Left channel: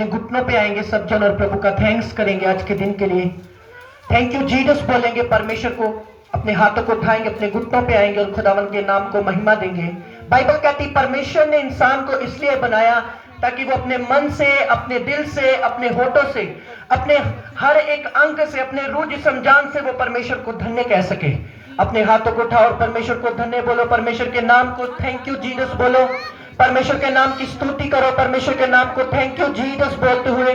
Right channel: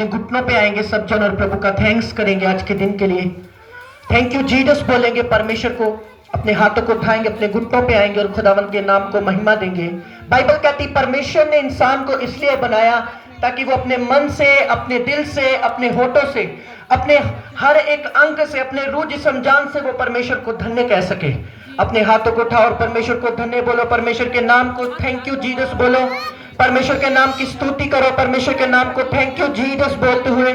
अपने घुटनों पे आएंगे सब जन और प्रभु का थैंक्स करेंगे आज के दिन के लिए। थैंक यू जीसस बोलेंगे, परमेश्वर को अपने हाथों को उठाएंगे, अपने घुटनों पे आएंगे और खुदावंद के नाम को महिमा देंगे। बाइबल कहती परमेश्वर ने इंसान को इसलिए बनाया ताकि वो अपने मन से, अपने दिल से, अपने होठों से, अपने हर एक अंग से, अपने रूह जिस्म जान से वो परमेश्वर को धन्य कह सके। अपने हाथों को उठाओ और परमेश्वर को धन्य बोलो, परमेश्वर के नाम को थैंक यू जीसस बोलो, परमेश्वर के नाम की स्तुति करो, परमेश्वर के नाम को थैंक यू जीसस बोलते हुए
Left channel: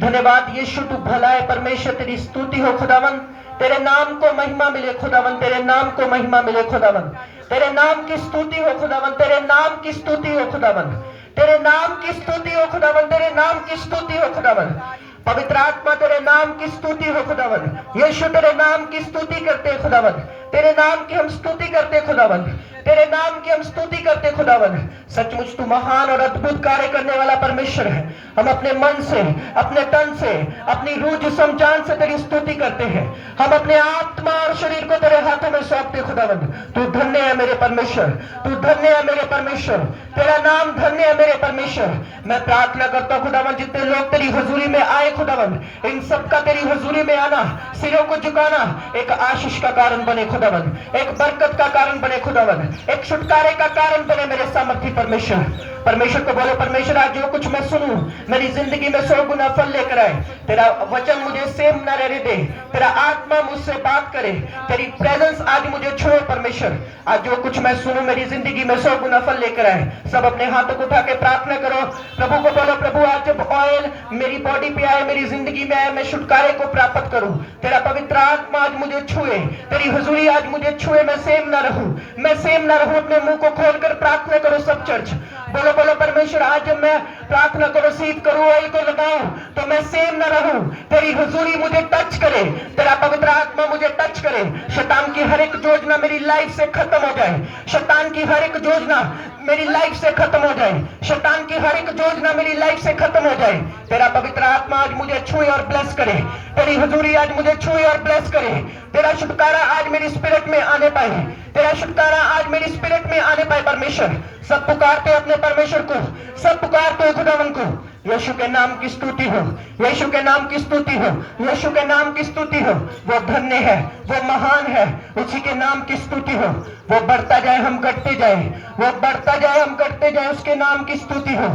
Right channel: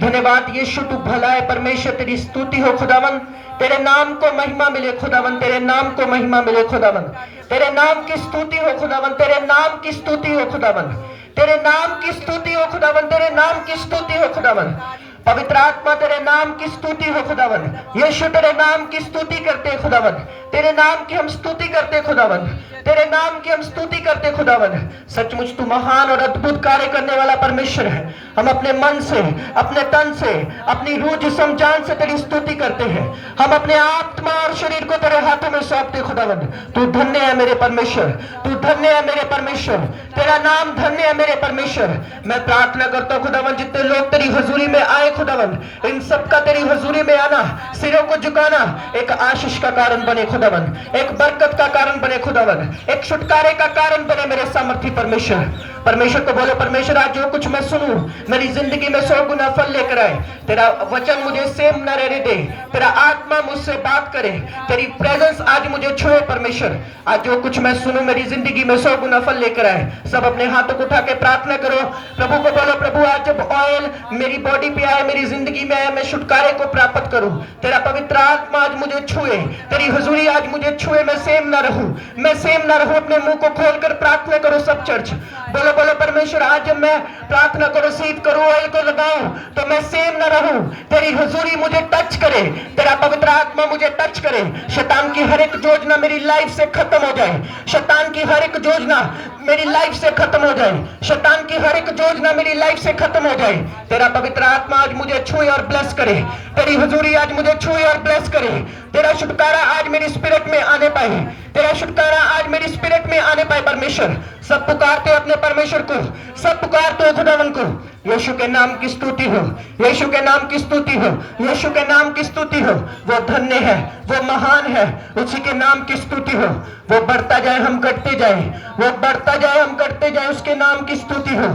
धन्यवाद यीशु तू भला है, परमेश्वर तेरी स्तुति हो खुदावन, तेरे नाम को महिमा मिले खुदावन, तेरे नाम को महिमा मिले खुदावन, तेरे नाम की स्तुति हो खुदावन, तेरे नाम की स्तुति हो खुदावन, तेरे नाम की स्तुति हो खुदावन, तेरे नाम की स्तुति हो खुदावन। पवित्र आत्मा तेरे नाम की स्तुति हो खुदावन, यीशु तेरे नाम की स्तुति करते हैं खुदावन, तेरे नाम की हम स्तुति करते खुदावन, तेरे नाम की हम स्तुति करते खुदावन। सचमुच तू महान और अद्भुत कार्य करने वाला परमेश्वर है। हम अपने मन से, अपने तन से, अपनी रूह जिस्म जान से तेरी स्तुति करते हैं। हम अपने आत्मा और शरीर को तेरे हाथों में सौंपते खुदावन। तू धन्य है मेरे परमेश्वर, तू धन्य है मेरे परमेश्वर, तेरा नाम धन्य है मेरे परमेश्वर। मैं प्रार्थना करता हूँ खुदावन, जितने लोग तेरी हजूरी में आए खुदावन, इन सबका तेरी हजूरी में आना, सिरों को झुकाना एक आशीष का कारण बने खुदावन, एक बरकत का कारण बने खुदावन, एक छुटकारे का कारण बने मेरे सामर्थी परमेश्वर। परमेश्वर को बोलो, परमेश्वर आज जो कुछ मैं सुनूं मेरी जिंदगी में 100 गुना फल लेकर आए। तेरा वचन मुझे सेम न रहने दे, तेरा आत्मा मुझसे बात करे, तेरी प्रेजेंस आज मुझे छुए परमेश्वर। आज जो कुछ मैं सुनूं मेरी जिंदगी में 100 गुना फल लेकर आए। सब अपने हाथों को उठा के प्रार्थना करो, प्रभु को बोलो, प्रभु आज जब ऑयल मेरी बॉडी पे आए, मेरी जिंदगी में आए, मैं छुटकारे को प्राप्त करूं। तेरा पवित्र आत्मा आज मुझे छुए, तेरी हुजूरी आज मुझे छुए, मैं सेम न रहूं, मैं सेम न रहूं। अपने मुंह को खोलकर प्रार्थना करो सब चर्च, बोलो बोलो परमेश्वर आज जब मैं प्रार्थना को रिसीव करूं, ऑयल को लगाऊं, तो मैं सेम न रहूं। तेरी हुजूरी मुझे टच करे, तेरा पवित्र आत्मा मुझे टच करे। शैतान की हर एक योजना मेरी लाइफ से खत्म हो जाए, शैतान की हर एक योजना मेरी लाइफ से खत्म हो जाए, शैतान की हर एक योजना मेरी लाइफ से खत्म हो जाए। तेरा पवित्र आत्मा आज मुझे छुए और ब्लेस करे, तेरी हुजूरी आज मुझे छुए और ब्लेस करे। तेरा छुटकारा आज मेरी स्पिरिट में आने पाए, तेरा छुटकारा आज मेरी स्पिरिट में आने पाए परमेश्वर। सब पुकारते अपने परमेश्वर को, सब पुकारते खुदावन को। यीशु के नाम की स्तुति हो, यीशु के नाम की स्तुति हो, यीशु के नाम की स्तुति हो। वो धन्य है, वो महान है, उसी के नाम की स्तुति हो। वो बढ़ता जाए हम घटते जाए, वो बढ़ता जाए हम घटते जाए, उसके नाम की स्तुति हो,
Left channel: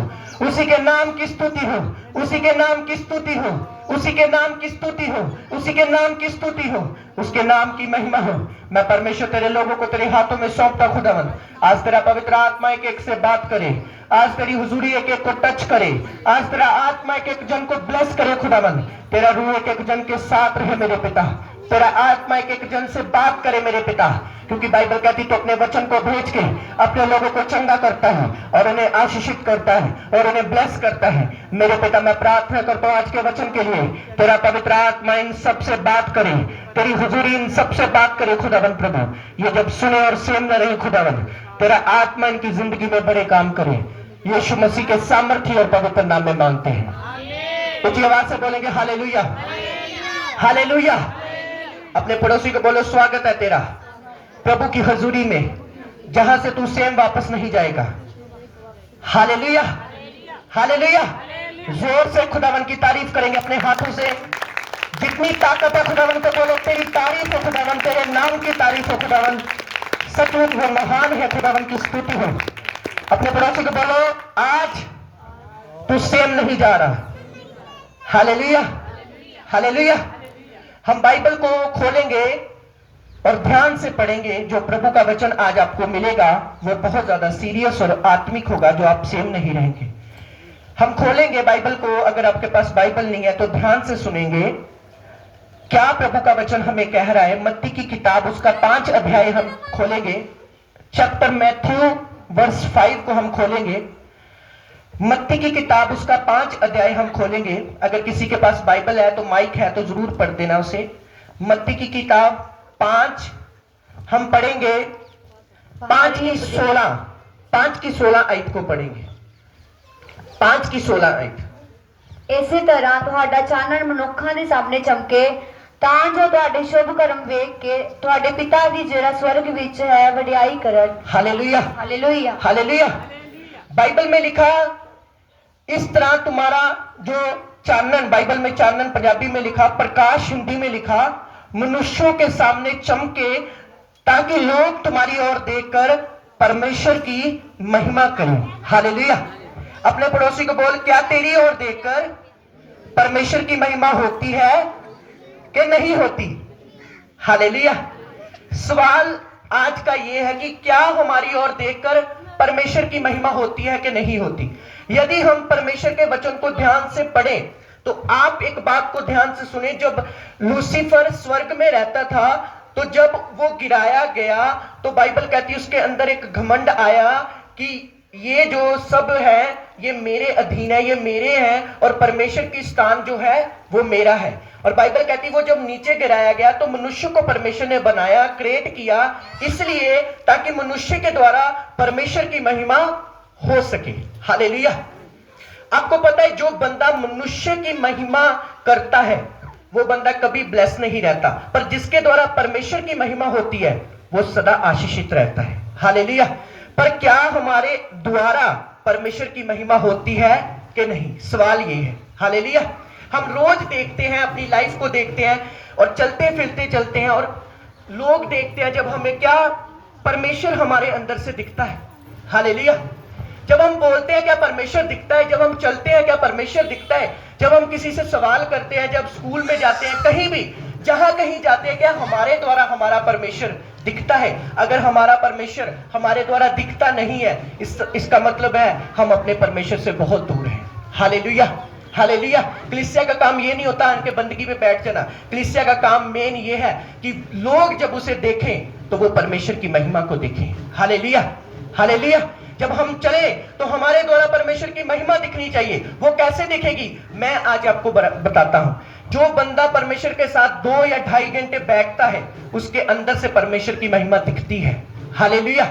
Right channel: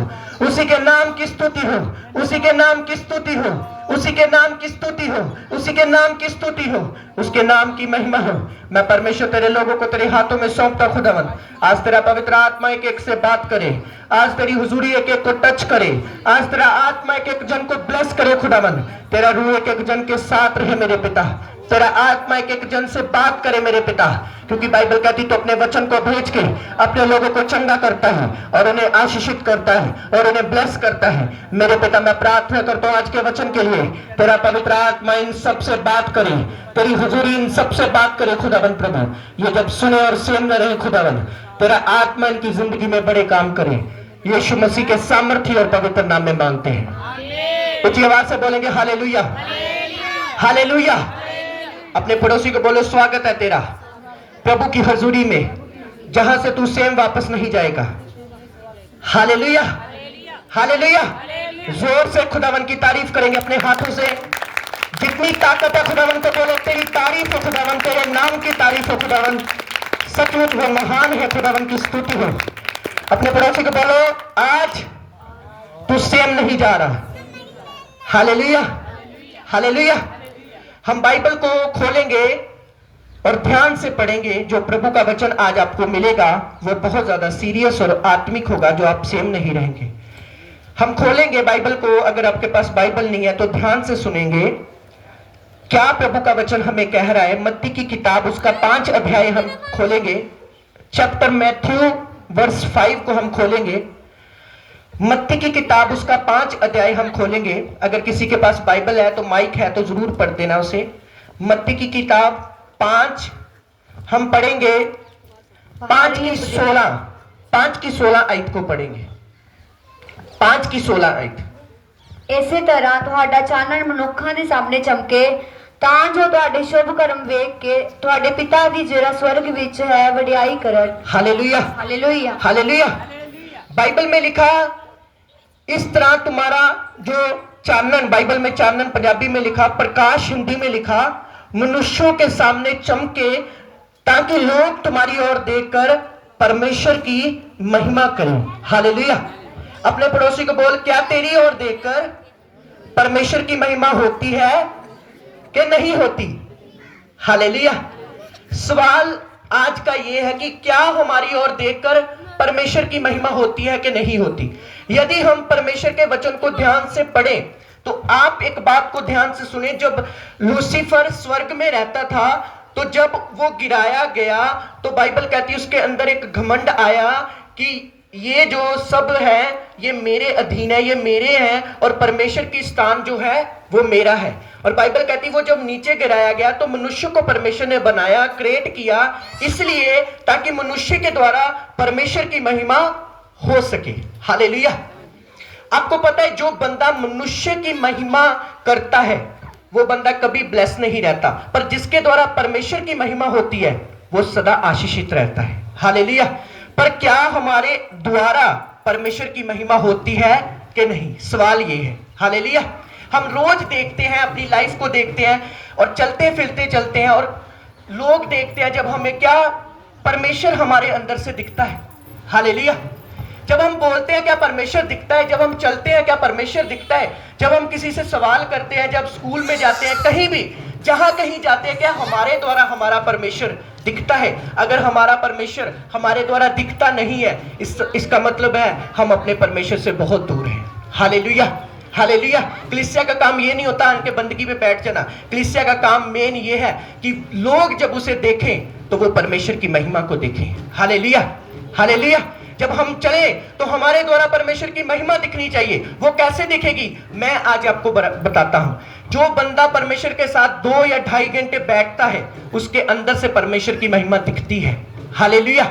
उसी के नाम की स्तुति हो, उसी के नाम की स्तुति हो, उसी के नाम की स्तुति हो, उसी के नाम की स्तुति हो, उसके नाम की महिमा हो। मैं परमेश्वर तेरे लोगों को तेरे हाथों में सौंपता खुदावन। आज तेरा पवित्र आत्मा एक एक से बात करे, आज तेरी हुजूरी एक एक को टच करे, आज तेरा आत्मा एक एक जन को ब्लेस करे खुदावन। तेरा रूह एक एक जन के साथ रहे मेरे पिता, तेरा आत्मा एक एक जन से बात करे मेरे पिता, क्योंकि बाइबल कहती तो अपने वचन को भेज के अपने लोगों को चंगा करता है और उन्हें आशीषित करता है और उन्हें ब्लेस करता है। मेरे पिता मैं प्रार्थना करता हूँ आज के वचन के लिए, तेरा पवित्र आत्मा इन सब से बात करे, तेरी हुजूरी इन सब से बात करे खुदावन। प्रभु ये जब सुने और सेम न रहे खुदावन, तेरा आत्मा इनकी जिंदगी में बड़े काम करे। यीशु मसीह के सामर्थ्य और पवित्र नाम में मांगते हैं। ऊंची आवाज से बोलेंगे हालेलुया, हालेलुया। अपने पड़ोसी को बोलो, स्वागत है तेरा प्रभु की हजूरी में, जहां से तू सेम वापस नहीं जाएगा। Hallelujah, hallelujah. जोर से खुदावन की तारीफ करेंगे अपने हाथों से, जितनी ताकत है खुदावन को बोले तेरी तारीफ हो खुदावन, तेरे नाम की तारीफ हो खुदावन। सचमुच वो महान है, खुदावन की स्तुति हो। अपने पड़ोसी को बोलो, आज तू सेम नहीं जा रहा। Hallelujah, hallelujah. हम बाइबल को खोलेंगे और ध्यान से पढ़ेंगे। जो प्रभु का वचन आज आपको मिलेगा वो बहुत ज्यादा सीरियस और आत्मिक होगा, जो आप सेम नहीं रहेंगे। हम खोलेंगे बाइबल को, अगर आपके पास बाइबल नहीं है तो ध्यान से सुनेंगे क्या प्रभु का वचन हमें कह रहा है। मत्ती की किताब उसका 5 अध्याय हम खोलेंगे, चैप्टर मैथ्यू वर्स 5 को हम खोलेंगे। मत्ती की किताब उसका 5 अध्याय हम खोलेंगे। अगर किसी के पास बाइबल है तो माइक है तो जरूर पढ़ देना उसे। मत्ती की किताब 5 हम पढ़ेंगे, 5 की 16 आयत को पढ़ेंगे। 5 की 16 आयत। ਇਸੇ ਤਰ੍ਹਾਂ ਤੁਹਾਡਾ ਚਾਨਣ ਮਨੁੱਖਾਂ ਦੇ ਸਾਹਮਣੇ ਚਮਕੇ, ਤਾਂ ਜੋ ਤੁਹਾਡੇ ਸ਼ੁਭ ਕਰਮ ਵੇਖ ਕੇ ਤੁਹਾਡੇ ਪਿਤਾ ਦੀ ਜਿਹੜਾ स्वर्ग ਵਿੱਚ है ਵਡਿਆਈ ਕਰਨ। Hallelujah, hallelujah, hallelujah. बाइबल में लिखा इस तरह तुम्हारा जो चानन, बाइबल में चानन पंजाबी में लिखा, प्रकाश हिंदी में लिखा, मनुष्यों के सामने चमके ताकि लोग तुम्हारी ओर देखकर परमेश्वर की महिमा करें। हालेलुया। अपने पड़ोसी को बोल, क्या तेरी ओर देखकर परमेश्वर की महिमा होती है कि नहीं होती? हालेलुया। सवाल आज का यह है कि क्या हमारी ओर देखकर परमेश्वर की महिमा होती है कि नहीं होती? यदि हम परमेश्वर के वचन को ध्यान से पढ़ें तो आप एक बात को ध्यान से सुने। जब लूसीफर स्वर्ग में रहता था तो जब वो गिराया गया तो बाइबल कहती है उसके अंदर एक घमंड आया कि ये जो सब है ये मेरे अधीन है, ये मेरे हैं और परमेश्वर की स्थान जो है वो मेरा है। और बाइबल कहती है वो जब नीचे गिराया गया तो मनुष्य को परमेश्वर ने बनाया, क्रिएट किया, इसलिए ताकि मनुष्य के द्वारा परमेश्वर की महिमा हो सके। हालेलुया। आपको पता है जो बंदा मनुष्य की महिमा करता है वो बंदा कभी ब्लेस नहीं रहता, पर जिसके द्वारा परमेश्वर की महिमा होती है वो सदा आशीषित रहता है। हालेलुया। पर क्या हमारे द्वारा परमेश्वर की महिमा होती है कि नहीं? सवाल ये है। हालेलुया। हम रोज देखते हैं, अपनी लाइफ को देखते हैं और चलते फिरते चलते हैं और लोग देखते हैं जब हमें क्या परमेश्वर हमारे अंदर से दिखता है। हालेलुया। जब हम बोलते हैं क्या परमेश्वर दिखता है, जब हम चलते हैं क्या परमेश्वर दिखता है, जब हम किसी से सवाल करते हैं, जब स्कूल में जाते हैं, कहीं भी जहां कहीं जाते हैं, क्या हमारे द्वारा हमारा परमेश्वर दिखता है? अगर हमारा परमेश्वर हमारे द्वारा दिखता नहीं है इसका मतलब है हम अपने परमेश्वर से बहुत दूर हैं। हालेलुया। हालेलुया। कलीसिया का काम ये नहीं होता उनके बंदगी पे बैठ जाना। कलीसिया का काम मेन ये है कि लोग जब उसे देखें तो वो परमेश्वर की महिमा को देखें। हालेलुया। हालेलुया। जब हम चले तो हमारे द्वारा परमेश्वर की महिमा दिखनी चाहिए। वो कैसे दिखेगी मैं आज आपको बताता हूं। जो बंदा परमेश्वर के साथ 2 या 2.5 घंटे बैठता है उसके अंदर से परमेश्वर की महिमा दिखती है। हालेलुया।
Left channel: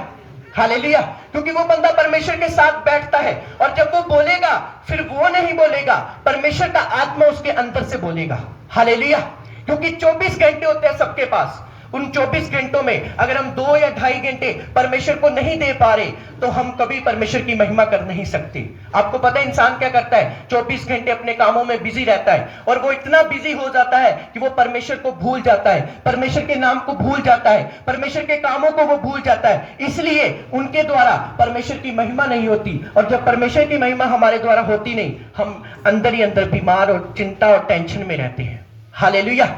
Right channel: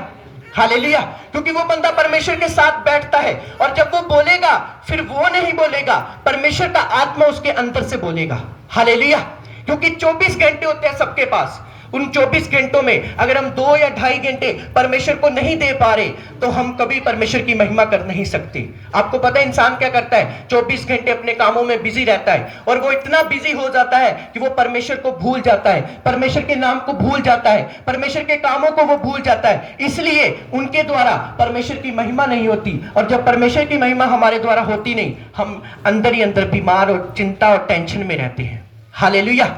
हालेलुया। क्योंकि वो बंदा परमेश्वर के साथ बैठता है और जब वो बोलेगा फिर वो नहीं बोलेगा, परमेश्वर का आत्मा उसके अंदर से बोलेगा। हालेलुया। क्योंकि 24 घंटे होते हैं सबके पास। उन 24 घंटों में अगर हम 2 या 2.5 घंटे परमेश्वर को नहीं दे पा रहे तो हम कभी परमेश्वर की महिमा कर नहीं सकते। आपको पता है इंसान क्या करता है? 24 घंटे अपने कामों में बिजी रहता है और वो इतना बिजी हो जाता है कि वो परमेश्वर को भूल जाता है, परमेश्वर के नाम को भूल जाता है, परमेश्वर के कामों को वो भूल जाता है। इसलिए उनके द्वारा परमेश्वर की महिमा नहीं होती और जब परमेश्वर की महिमा हमारे द्वारा होती नहीं, हम अंदर ही अंदर बीमार और चिंता और टेंशन में रहते हैं। हालेलुया।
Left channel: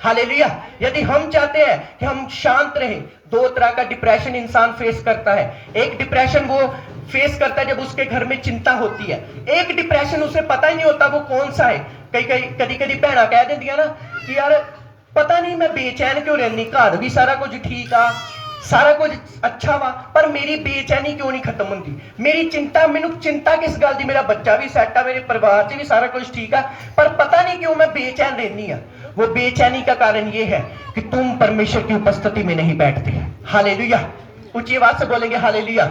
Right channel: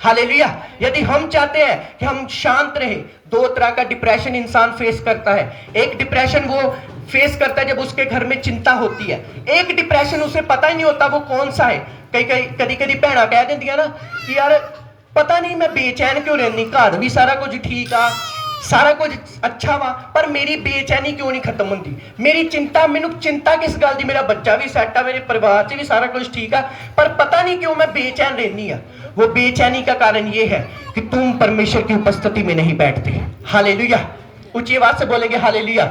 हालेलुया। यदि हम चाहते हैं कि हम शांत रहें, 2 तरह का डिप्रेशन इंसान फेस करता है। एक डिप्रेशन वो फेस करता है जब उसके घर में चिंता होती है। एक डिप्रेशन उसे पता ही नहीं होता वो कौन सा है। कभी भैना कह देंदियां ना कि यार पता नहीं मैं बेचैन क्यों रहनी, घर भी सारा कुछ ठीक आ, सारा कुछ अच्छा वा, पर मेरी बेचैनी क्यों नहीं खत्म होती? मेरी चिंता, मैनू चिंता किस गल दी? मेरा बच्चा भी सैट है, मेरे परिवार च भी सारा कुछ ठीक है, पर पता नहीं क्यों मैं बेचैन रहनी है। वो बेचैनी का कारण ये है कि तुम परमेश्वर की उपस्थिति में नहीं बैठते। हालेलुया। ऊंची आवाज से बोलेंगे हालेलुया।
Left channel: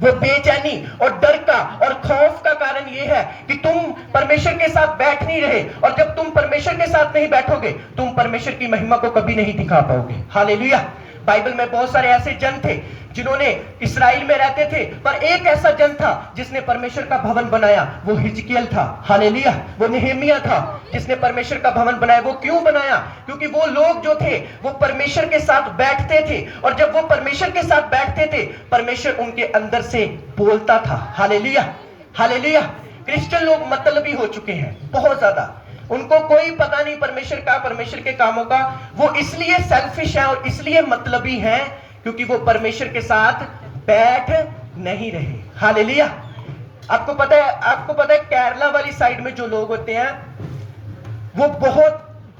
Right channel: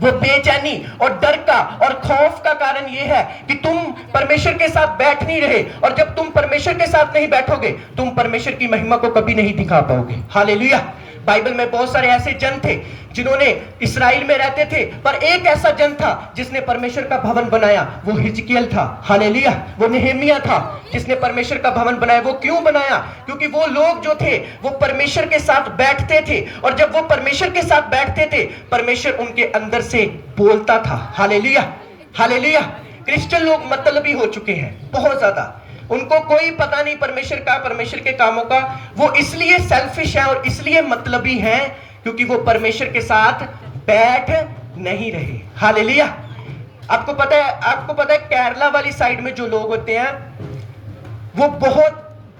वो बेचैनी और डर का और खौफ का कारण ये है कि तुम परमेश्वर के साथ बैठ नहीं रहे और जब तुम परमेश्वर के साथ नहीं बैठोगे तुम परमेश्वर की महिमा को कभी नहीं दिखा पाओगे। हालेलुया। बाइबल में बहुत सारे ऐसे जन थे जिन्होंने इस्राएल में रहते थे, पर एक ऐसा जन था जिसने परमेश्वर का भवन बनाया, वो हिजकिय्याह था। हालेलुया। वो नेहेमिया था जिसने परमेश्वर का भवन बनाया। वो क्यों बनाया? क्योंकि वो लोग जो थे वो परमेश्वर के साथ बैठते थे और जब वो परमेश्वर के साथ बैठते थे परमेश्वर उनके अंदर से बोलता था। हालेलुया। हालेलुया। क्रिश्चियन लोग मतलबी हो चुके हैं बहुत ज्यादा, उनको कोई पता नहीं परमेश्वर का, परमेश्वर के कामों का। वो इसलिए सेल्फिश है और इसलिए मतलबी है क्योंकि वो परमेश्वर के साथ बैठ नहीं रहे। हालेलुया। आपको पता है केरला वाली साइड में जो लोग होते हैं वो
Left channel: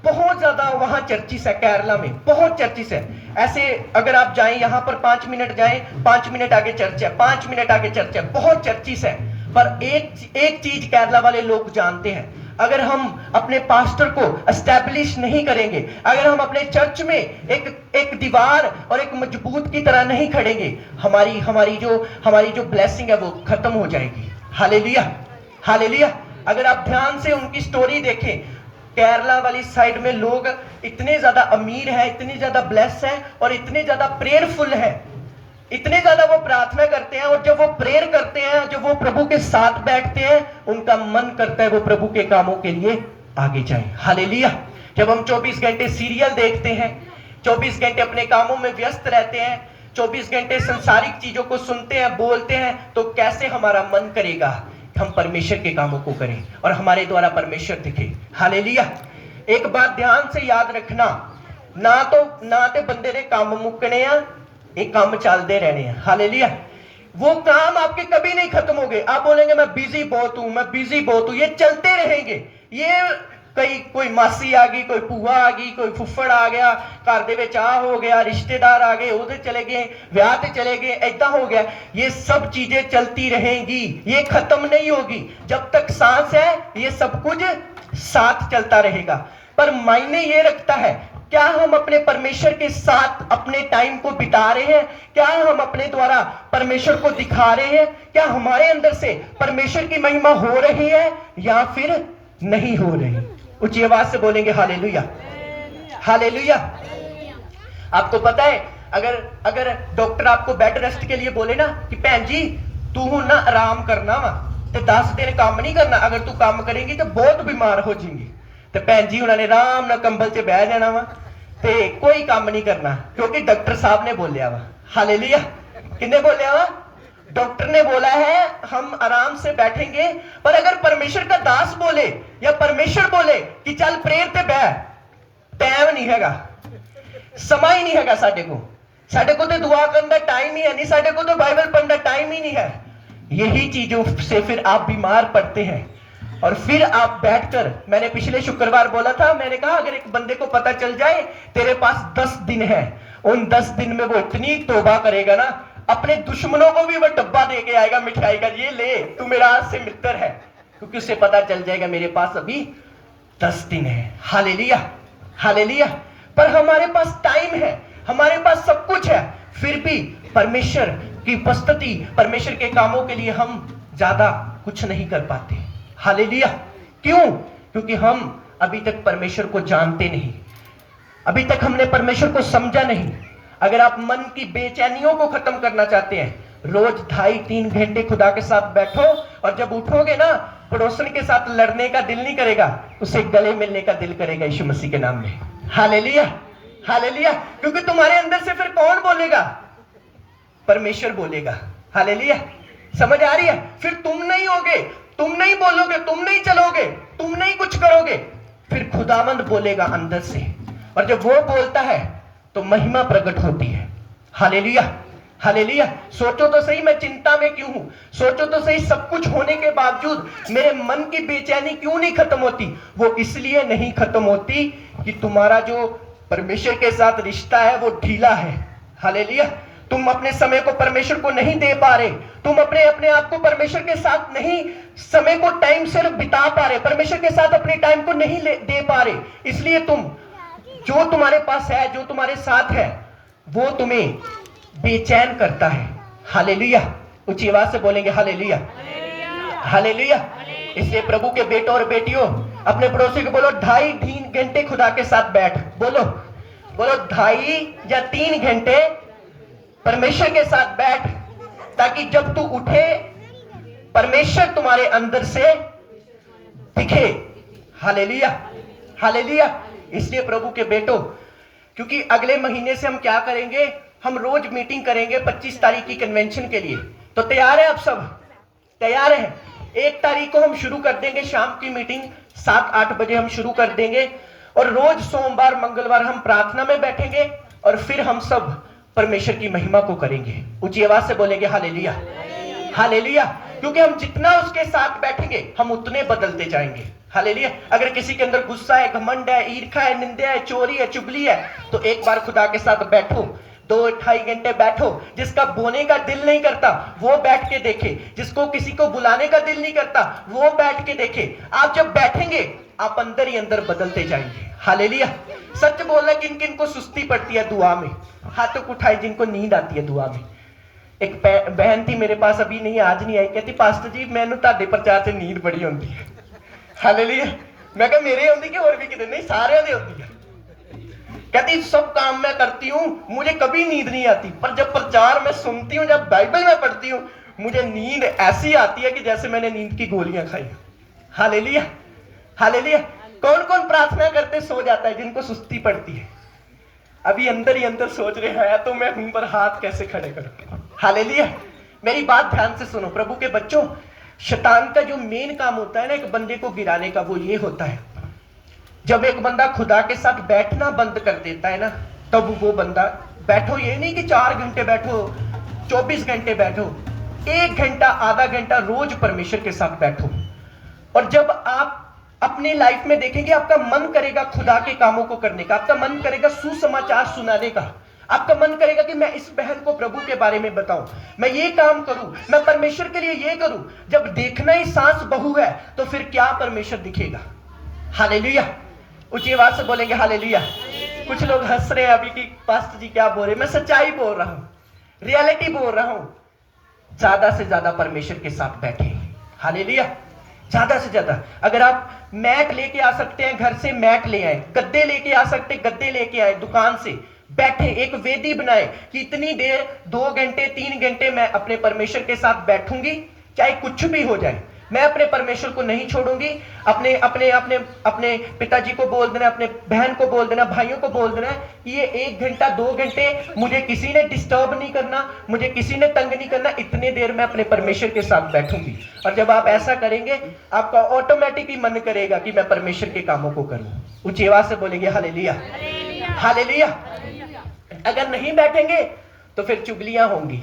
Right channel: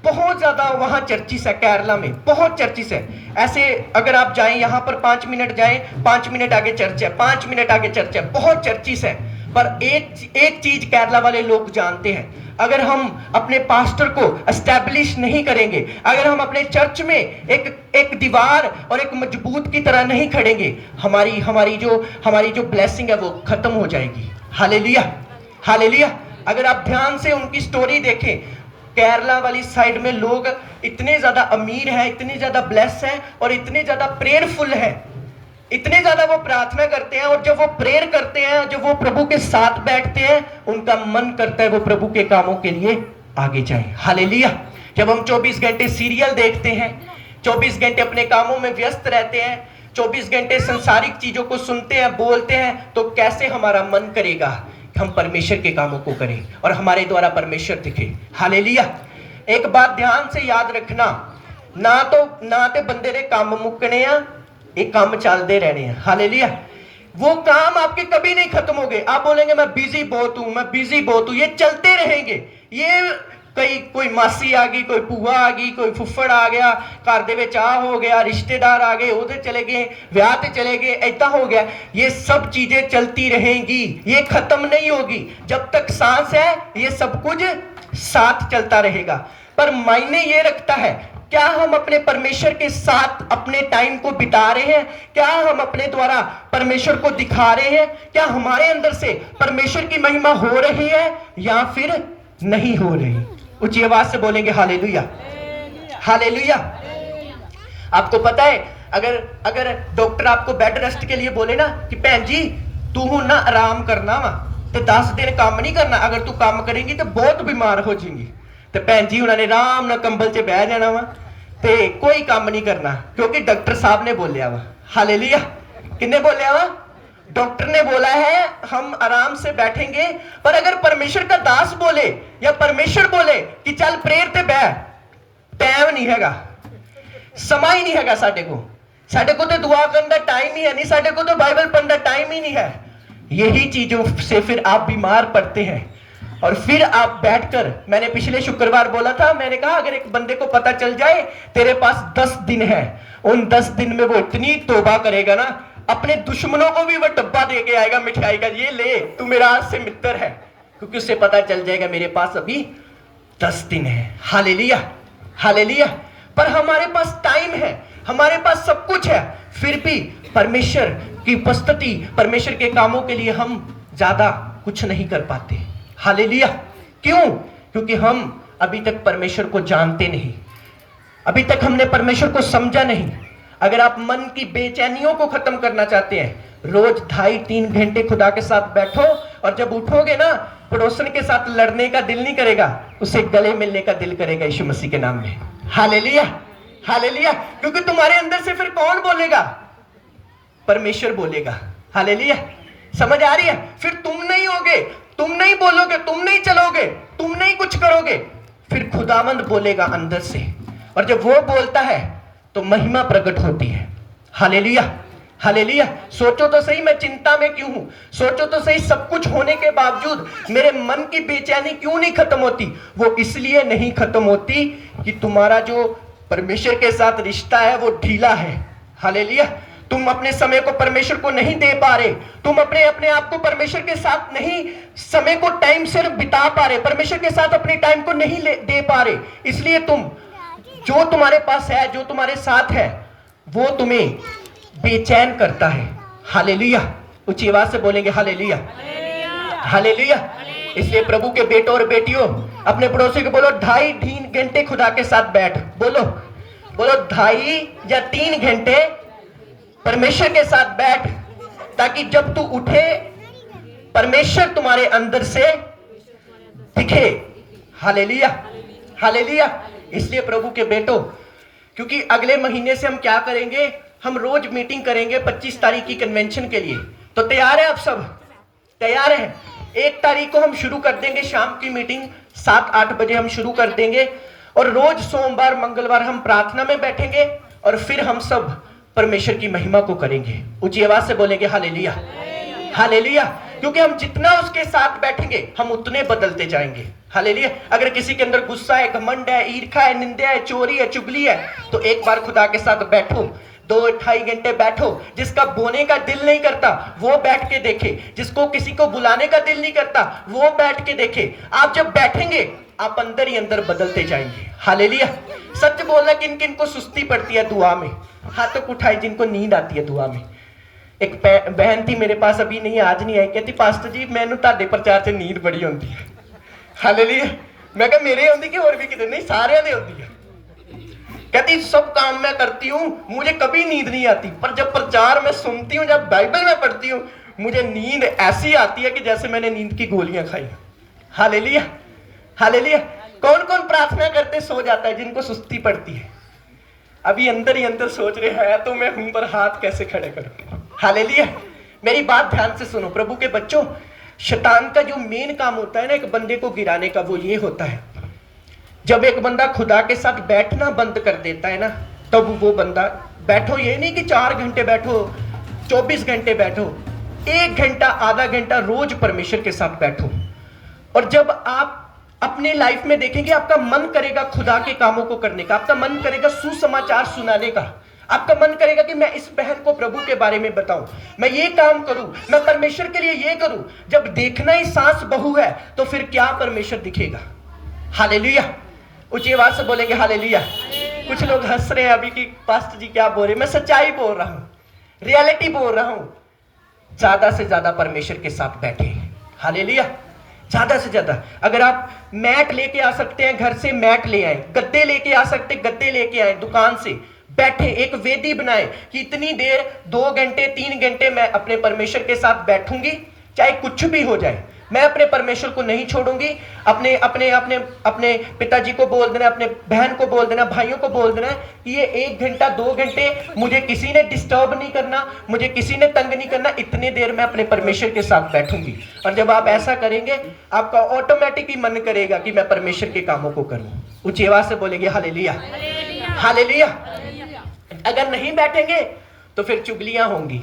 बहुत ज्यादा वहां चर्चिस है। केरला में बहुत चर्चिस है। ऐसे अगर आप जाएं यहां पर 5 मिनट जाएं, 5 मिनट आगे चर्च है, 5 मिनट आगे चर्च है, बहुत चर्चिस है। पर एक चीज केरला वाले लोग जानते हैं, अगर हम अपने पास्टर को एस्टैब्लिश नहीं करेंगे, अगर हम अपने चर्च में एक दीवार और एक मजबूत की तरह नहीं खड़ेंगे, हमारी जो ब्लेसिंग है वो खत्म हो जाएगी। हालेलुया। हालेलुया। अगर आप ध्यान से उनकी स्टोरी देखें, केरला वाली साइड में लोग इतने ज्यादा अमीर हैं, इतने ज्यादा ब्लेस हैं और इतने ज्यादा प्रेयरफुल हैं इतने ज्यादा वो प्रार्थना करते हैं, और जब वो प्रेयर करते हैं, जब वो प्रभु के साथ बैठते हैं, उनका मन करता है वो प्रभु के कामों के लिए आगे जाए। हालेलुया। जब हम 24 घंटे सीरियल देखते हैं, 24 घंटे अपने कामों में व्यस्त रहते हैं, 24 घंटे संसारिक चीजों को सुनते हैं, बोलते हैं, तो कैसे हमारा मन करेगा हम परमेश्वर के कामों को करें और हमारे द्वारा परमेश्वर दिखे। हालेलुया। एक बात ध्यान से याद रखना, ना तो बंदे ने काम मुकने आ, एक काम चलते रहने हैं। हालेलुया। वो काम आपके कभी नहीं खत्म होंगे। आप बोलेंगे मैं बिजी बहुत हूं, मैं बिजी बहुत हूं, ये चलते रहेंगे। ये कोई मासी आ गई, कोई भूआ आ गई, कोई फुफ्फड़ आ गया, घर दे विच आ हो गया, रिश्तेदार आ गए, उधर चले गए, ब्याह ते चले गए, ऐसा हो गया। ये सब चीजें चलती रहेंगी, ये खत्म नहीं होगी। जब तक सांस है ये सब कुछ साथ चलता रहेगा। पर मायने ये रखता है, क्या हम अपने परमेश्वर के साथ अपने टाइम को बिता रहे हैं? क्या हम अपने द्वारा परमेश्वर को दिखा रहे हैं? क्या हमारे अंदर से परमेश्वर की महिमा हो रही है या फिर नहीं हो रही? ऊंची आवाज से बोलेंगे हालेलुया, हालेलुया। आपको पता है, अगर डॉक्टर आपको बेड रेस्ट के लिए बोले ना कि भैन जी तू हूं ना आराम करना वा, तो 10 दिन काम नहीं करना, अगर तू काम करेगी तो बहुत बीमार हो जाएगी। तो भैन जी उन्होंने आराम ना कंबल च बह जाना वा, ते कोई काम नहीं करना, क्योंकि डॉक्टर साहब ने बोलिया वा। हालेलुया। किन्ने बोलिया वा? डॉक्टर ने बोला है हम आराम से बैठेंगे। पर अगर परमेश्वर का दास बोले या परमेश्वर बोले कि चल प्रेयर ते बह, टाइम नहीं हैगा, समय ही नहीं हैगा साडे को तो दुआ करने का टाइम ही है नहीं, साडे को तो बाइबल पढ़ने का टाइम ही नहीं है। यही चीजों से फिर आप बीमार पड़ते हैं और फिर आप बैठकर, मैंने पिछले शुक्रवार बोला था, मैंने कहा अगर एक बंदे को पता चल जाए तेरे पास 10 दिन है, उन 10 दिन में वो इतनी तौबा करेगा ना, अपने दुश्मनों को भी वो डब्बा दे के आएगा मिठाई का, ये ले तू मेरा आज से मित्र है, क्योंकि उससे पता चल जाएगा मेरे पास अभी 10 दिन है। Hallelujah, hallelujah. पर हमारे पास टाइम है, हमारे पास सब कुछ है, फिर भी परमेश्वर की उपस्थिति, परमेश्वर के कामों के लिए हम ज्यादा कुछ नहीं कर पाते। हालेलुया। क्यों? क्योंकि हम अभी तक परमेश्वर को जानते नहीं, अभी तक हमने परमेश्वर को समझा नहीं। अगर आप मन की बेचैनियों को खत्म करना चाहते हैं, रोज 2.5-3 घंटे खुदा के साथ बैठो, और जब उठोगे ना, पड़ोसन के साथ लड़ने का दिल नहीं करेगा, उसे गले मिलने का दिल करेगा यीशु मसीह के नाम में। Hallelujah, hallelujah. क्योंकि तुम्हारे अंदर से फिर कौन बोलेगा? परमेश्वर बोलेगा। हालेलुया। समझ आ रही है? फिर तुम नहीं होगे, तुम नहीं बोलोगे, तुम नहीं चलोगे, तुम नहीं कुछ करोगे, फिर खुदावंद बोलेगा अंदर से, और जब वो बोलता है तो महिमा प्रकट होती है। Hallelujah, hallelujah. सोचो तो सही, मैं चिंता में क्यों हूं? सोचो तो सही, सब कुछ होने के बावजूद मेरे मन की बेचैनी क्यों नहीं खत्म होती? वो इसलिए नहीं खत्म होती कि तुम्हारा जो परमेश्वर के साथ रिश्ता है वो ढीला है। हालेलुया। तुम अपने समय को परमेश्वर को नहीं दे पा रहे, तुम अपने आप को परमेश्वर के साथ नहीं, समय को टाइम से बिता पा रहे, परमेश्वर के साथ अपने टाइम को नहीं दे पा रहे, इसलिए तुम, जो तुम्हारे पास है, जो तुम्हारे साथ है, वो तुम्हें बेचैन करता है। हालेलुया। ऊंची आवाज से बोलेंगे हालेलुया, हालेलुया। इसलिए प्रभु के बेटों और बेटियों, अपने पड़ोसी को बोलो 2.5-3 घंटे खुदा के साथ बैठ। बोलो 2.5 या 3 घंटे परमेश्वर के साथ बैठ, ताकि जब तू उठे परमेश्वर तुम्हारे अंदर से दिखे। Hallelujah, hallelujah. इसलिए प्रभु के बेटों, क्योंकि अगले महीने से हम क्या करेंगे, हम रोज मीटिंग करेंगे 25 तारीख की कन्वेंशन के लिए। तो तैयार है आप सब? तैयार है? 1 तारीख को हम शुरू कर देंगे शाम की मीटिंग, 7-8 बजे हम शुरू कर देंगे, और रोज सोमवार मंगलवार हम प्रार्थना में बैठेंगे, और फिर हम सब परमेश्वर की महिमा को करेंगे। ऊंची आवाज से बोलेंगे हालेलुया, हालेलुया। क्योंकि हम जितना उसके साथ बैठेंगे हम उतने बदलते जाएंगे। हालेलुया। अगर किसी के अंदर गुस्सा है, घमंड है, ईर्ष्या है, निंदा है, चोरी है, चुगली है, तो एक बार खुदा के साथ बैठो, 2-2.5 घंटे बैठो। जिसका बोने का दिल नहीं करता वो बैठ के देखे, जिसको किसी को बुलाने का दिल नहीं करता वो बैठ के देखे। आप जब बैठेंगे आप अंदर ही अंदर बदलते जाएंगे। हालेलुया। सच बोलना, किन किन को सुस्ती पड़ती है दुआ में? हाथों को उठाए जिनको नींद आती है दुआ में। एक बहन थी मेरे पास, अभी नहीं, आज नहीं आई, कहती पास्टर जी मैनू तुहाडे प्रचार से नींद बड़ी आउंदी है। हालेलुया। मैं कहा मेरे आउंदी कि होर भी किते? नहीं, सारियां दे आउंदी है। कहती सब काम मैं करती हूँ, मुझे कभी नींद नहीं आती, पर जब प्रचार में सुनती हूँ, जब बाइबल में पढ़ती हूँ, मुझे नींद ऐसी आती है कि जैसे मैंने नींद की गोलियां खाई। Hallelujah, hallelujah. कौन कौन प्रार्थना करते सो जाता है? जिनको सुस्ती पड़ती है। अभी अंदर ही अंदर सोच रहे हैं तो मैं हूं, पर हाथ कैसे खड़े करूं। हालेलुया। मेरी बात ध्यान से सुनो प्रभु के बच्चों। शैतान का जो मेन काम होता है ना एक बंदे को गिराने का, वो ये होता है, जब एक बंदा खुदा के साथ बैठना बंद कर देता है ना, तब वो बंदा, बैठो ये नहीं कि 4 घंटे बैठो, 24 घंटे बैठो, 1 घंटा आधा घंटा रोज परमेश्वर के साथ बैठो। और जब आप अपने लाइफ में देखेंगे, आपका मन करेगा खुदा के कामों को करने का, आपका मन करेगा सुसमाचार सुनाने का, आपका मन करेगा कि मैं इस बहन को प्रभु के बारे में बताऊं, मैं ये काम करूं, मैं परमेश्वर के लिए ये करूं। जब देखना ही सास बहू है तो फिर क्या परमेश्वर दिखेगा। हालेलुया। ऊंची आवाज से बोलेंगे हालेलुया। कुछ लोग हंस रहे हैं अभी कि पास्टर जी क्या बोल रहे, मैं सच्चाई बोल रहा हूं, रियलिटी बोल रहा हूं। ज्यादा से ज्यादा परमेश्वर के साथ बैठे। हालेलुया। ज्यादा से ज्यादा। अगर आप मैट लेके आ सकते हैं घर से, मैट ले आए, गद्दे लेके आ सकते, गद्दे लेके आए, दुकान से बैठे, एक वेदी बनाए कि इतनी देर 2 घंटे 3 घंटे मैं अपने परमेश्वर के साथ बैठूंगी, चाहे कुछ भी हो जाए, मैं अपने परमेश्वर को नहीं छोड़ूंगी। अपने अपने अपने अपने पिताजी को बोल देना, अपने बहन को बोल देना, भाइयों को बोल देना कि ये 1 घंटा 2 घंटे मुझे किसी ने डिस्टर्ब नहीं करना, मुझे किसी ने तंग नहीं करना, इतने देर मैं अपने परमेश्वर के साथ बैठूंगी। और जब आप ऐसा करेंगे, आपका ऑटोमेटिक ही मन करेगा कि मैं परमेश्वर के कामों को करूं। ऊंची आवाज से बोलेंगे हालेलुया, हालेलुया। अगर नहीं बैठेंगे तो फिर चुगलियां होंगी,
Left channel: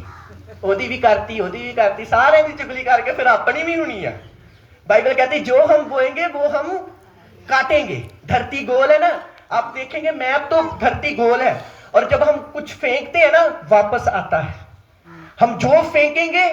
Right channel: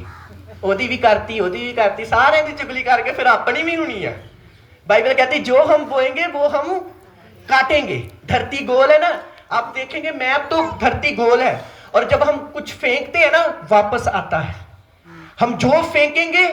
ओदी भी करती, सारे की चुगली करके फिर अपनी भी होनी है। बाइबल कहती जो हम बोएंगे वो हम काटेंगे। धरती गोल है ना, आप देखेंगे मैप तो धरती गोल है, और जब हम कुछ फेंकते हैं ना वापस आता है। हम जो फेंकेंगे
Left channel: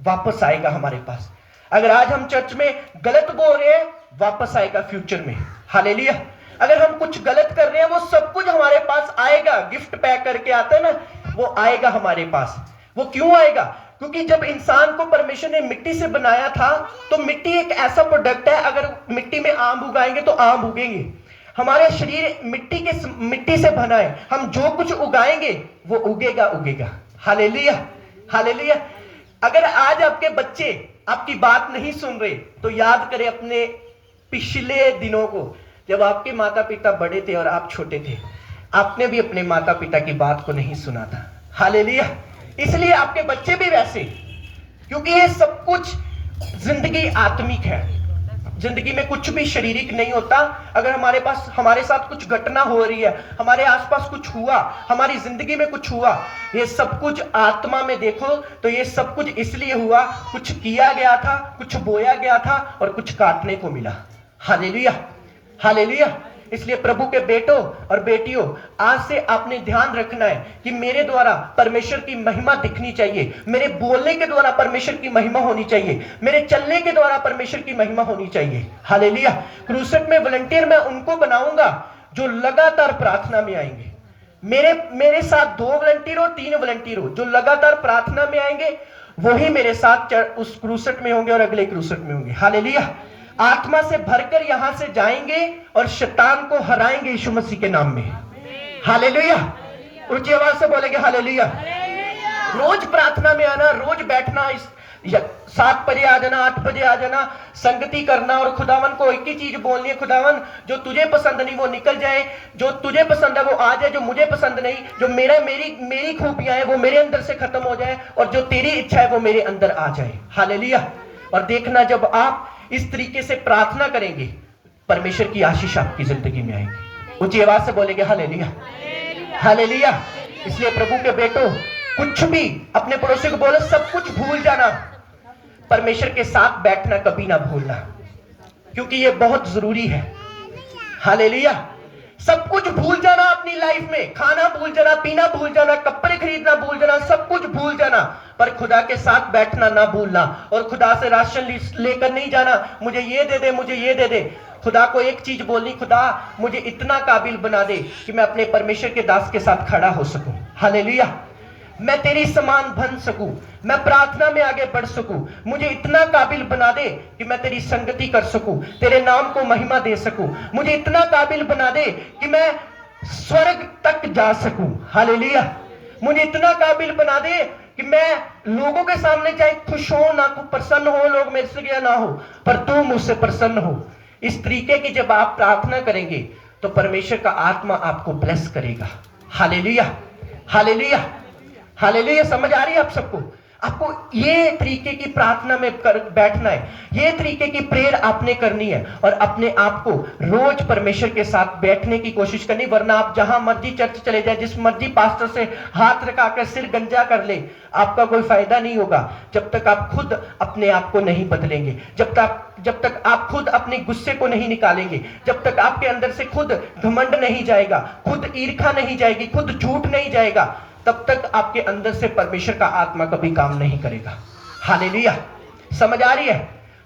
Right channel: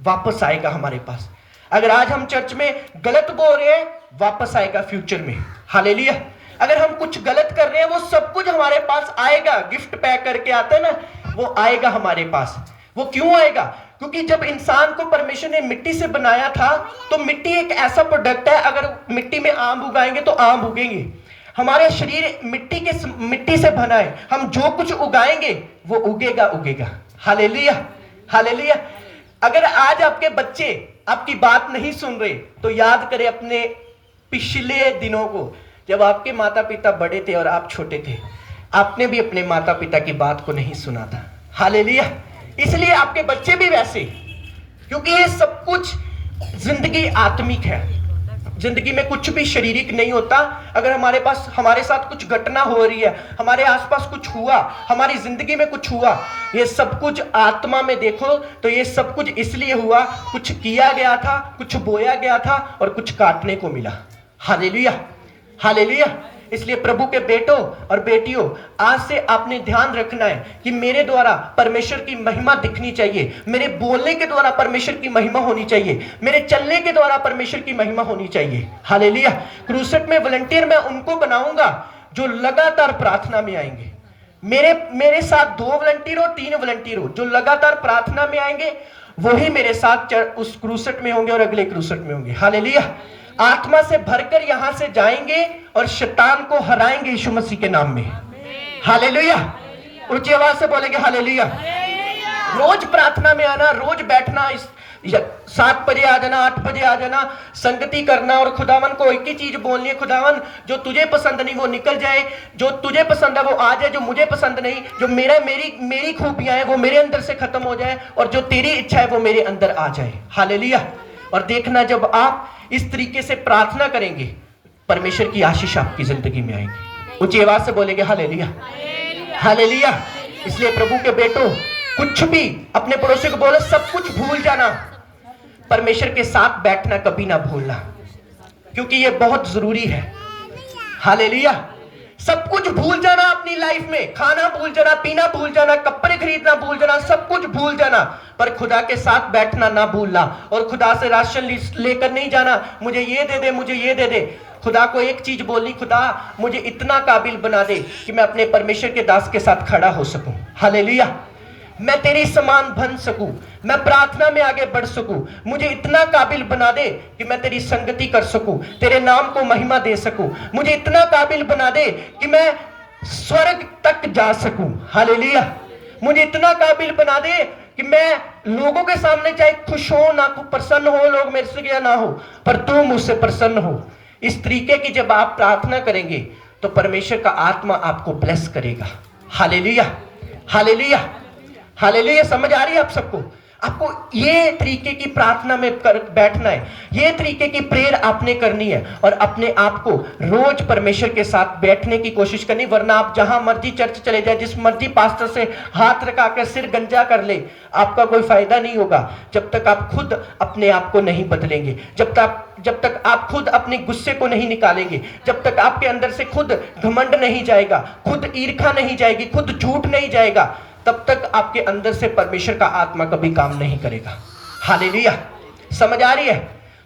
वापस आएगा हमारे पास। अगर आज हम चर्च में गलत बोल रहे हैं, वापस आएगा फ्यूचर में। हालेलुया। अगर हम कुछ गलत कर रहे हैं, वो सब कुछ हमारे पास आएगा। गिफ्ट पैक करके आता है ना, वो आएगा हमारे पास। वो क्यों आएगा? क्योंकि जब इंसान को परमेश्वर ने मिट्टी से बनाया था, तो मिट्टी एक ऐसा प्रोडक्ट है, अगर मिट्टी में आम उगाएंगे तो आम उगेंगे। हमारे शरीर मिट्टी से बना है, हम जो कुछ उगाएंगे वो उगेगा। Hallelujah, hallelujah. अगर आज आपके बच्चे आपकी बात नहीं सुन रहे, तो याद करें अपने पिछले दिनों को, जब आपके माता पिता बड़े थे और आप छोटे थे। आपने भी अपने माता पिता की बात को नहीं सुना था। हालेलुया। इसलिए आपके बच्चे भी वैसे, क्योंकि ये सब कुछ जिंदगी आत्मिक है। जिंदगी में कुछ भी शारीरिक नहीं होता। अगर हमारे साथ कुछ घटना हो रही है, हमारे आसपास कुछ हुआ, हमारी जिंदगी में कुछ हुआ, ये सब कुछ आत्मा में देखो तो ये सब कुछ इसलिए हुआ, कुछ किया गया था, कुछ बोया गया था और कुछ काटने को मिला। Hallelujah, hallelujah. इसलिए प्रभु के बेटों और बेटियों, आज से आपने ध्यान रखना है कि मेरे द्वारा परमेश्वर की महिमा दिखनी चाहिए, मेरे बोलने के द्वारा परमेश्वर की महिमा होनी चाहिए, मेरे चलने के द्वारा परमेश्वर की महिमा होनी चाहिए। हालेलुया। क्रूसेट में वॉलंटियर मैं उनको बनाऊंगा जो लगातार प्रार्थना में आएंगे। मेरे साथ 2 वॉलंटियर हो, 3 वॉलंटियर हो, जो लगातार प्रार्थना में आएंगे वही मेरे साथ उस क्रूसेट में होंगे और अगले क्रूसेट में होंगे। हालेलुया। आत्मा से भरकर यहां से जाएंगे और शैतान को हराएंगे यीशु मसीह के नाम में। हालेलुया। ऊंची आवाज से बोलेंगे हालेलुया। रोज प्रार्थना में आना, रोज बैठना, 7 बजे आ जाना, 8 बजे आ जाना, संगति करना और खुदावन को एक ही चीज बोलनी है, खुदावन जो तुझे पसंद नहीं वो निकल जाए, जो तुझे पसंद है वो आ जाए, जो मुझे पसंद नहीं, जो मेरी खूबियां हैं वो मेरे अंदर से खत्म हो जाए, और जो तेरी इच्छा है वो मेरे अंदर आ जाए। हालेलुया। और देखना, जब आप इस तरीके से प्रार्थना करेंगे, परमेश्वर की आशीष आपकी जिंदगी में आएगी। ऊंची आवाज से बोलेंगे हालेलुया, हालेलुया। इसलिए प्रभु के बेटों, कुछ भी अपने पड़ोसी को बोलो, सब कुछ भूल जाना, परमेश्वर के साथ बैठना कभी ना भूलना, क्योंकि ये बहुत जरूरी है। हालेलुया। सब कुछ भूल जाना अपनी लाइफ में, खाना भूल जाना, पीना भूल जाना, कपड़े खरीदना भूल जाना, सब कुछ भूल जाना, पर खुदा के साथ बैठना ना भूलना। और खुदा से राशन लेकर नहीं जाना, मुझे ये दे दे, मुझे ये दे दे। खुदा को एक चीज बोलनी, खुदा मुझे इतना काबिल बना दे कि मैं अपने परमेश्वर के दास के साथ खड़ा हो सकूं। हालेलुया। मैं तेरी समान बन सकूं, मैं प्रार्थना में आगे बढ़ सकूं, मुझे इतना काबिल बना दे कि मैं तेरी संगति कर सकूं, तेरे नाम को महिमा दे सकूं। मुझे इतना काबिल बना दे कि मैं स्वर्ग तक जा सकूं। हालेलुया। मुझे इतना काबिल बना दे कि मैं लोगों के सामने चाहे खुश हो ना, प्रसन्न हो लोग मेरे से या ना हो, पर तू मुझसे प्रसन्न हो। इस तरीके की जब आप प्रार्थना करेंगे तो परमेश्वर का आत्मा आपको ब्लेस करेगा। Hallelujah, hallelujah, hallelujah. समझ आ रही है आप सबको? आपको ये तरीके की प्रार्थना में बैठना है, ये तरीके की प्रेयर आपने करनी है और अपने आप को रोज परमेश्वर के साथ बैठने की कोशिश करनी। वरना आप जहां मर्जी चर्च चले जाए, जिस मर्जी पास्टर से हाथ रखाकर सिर गंजा कर ले, आपका कोई फायदा नहीं होगा जब तक आप खुद अपने आप को नहीं बदलेंगे, जब तक आप खुद अपने गुस्से को नहीं निकालेंगे, जब तक आपके अंदर से खुद घमंड नहीं जाएगा, खुद ईर्खा नहीं जाएगी, खुद झूठ नहीं जाएगा, तब तक आपके अंदर से परमेश्वर का आत्मा कभी काम नहीं करेगा। हालेलुया। समझ आ रही है?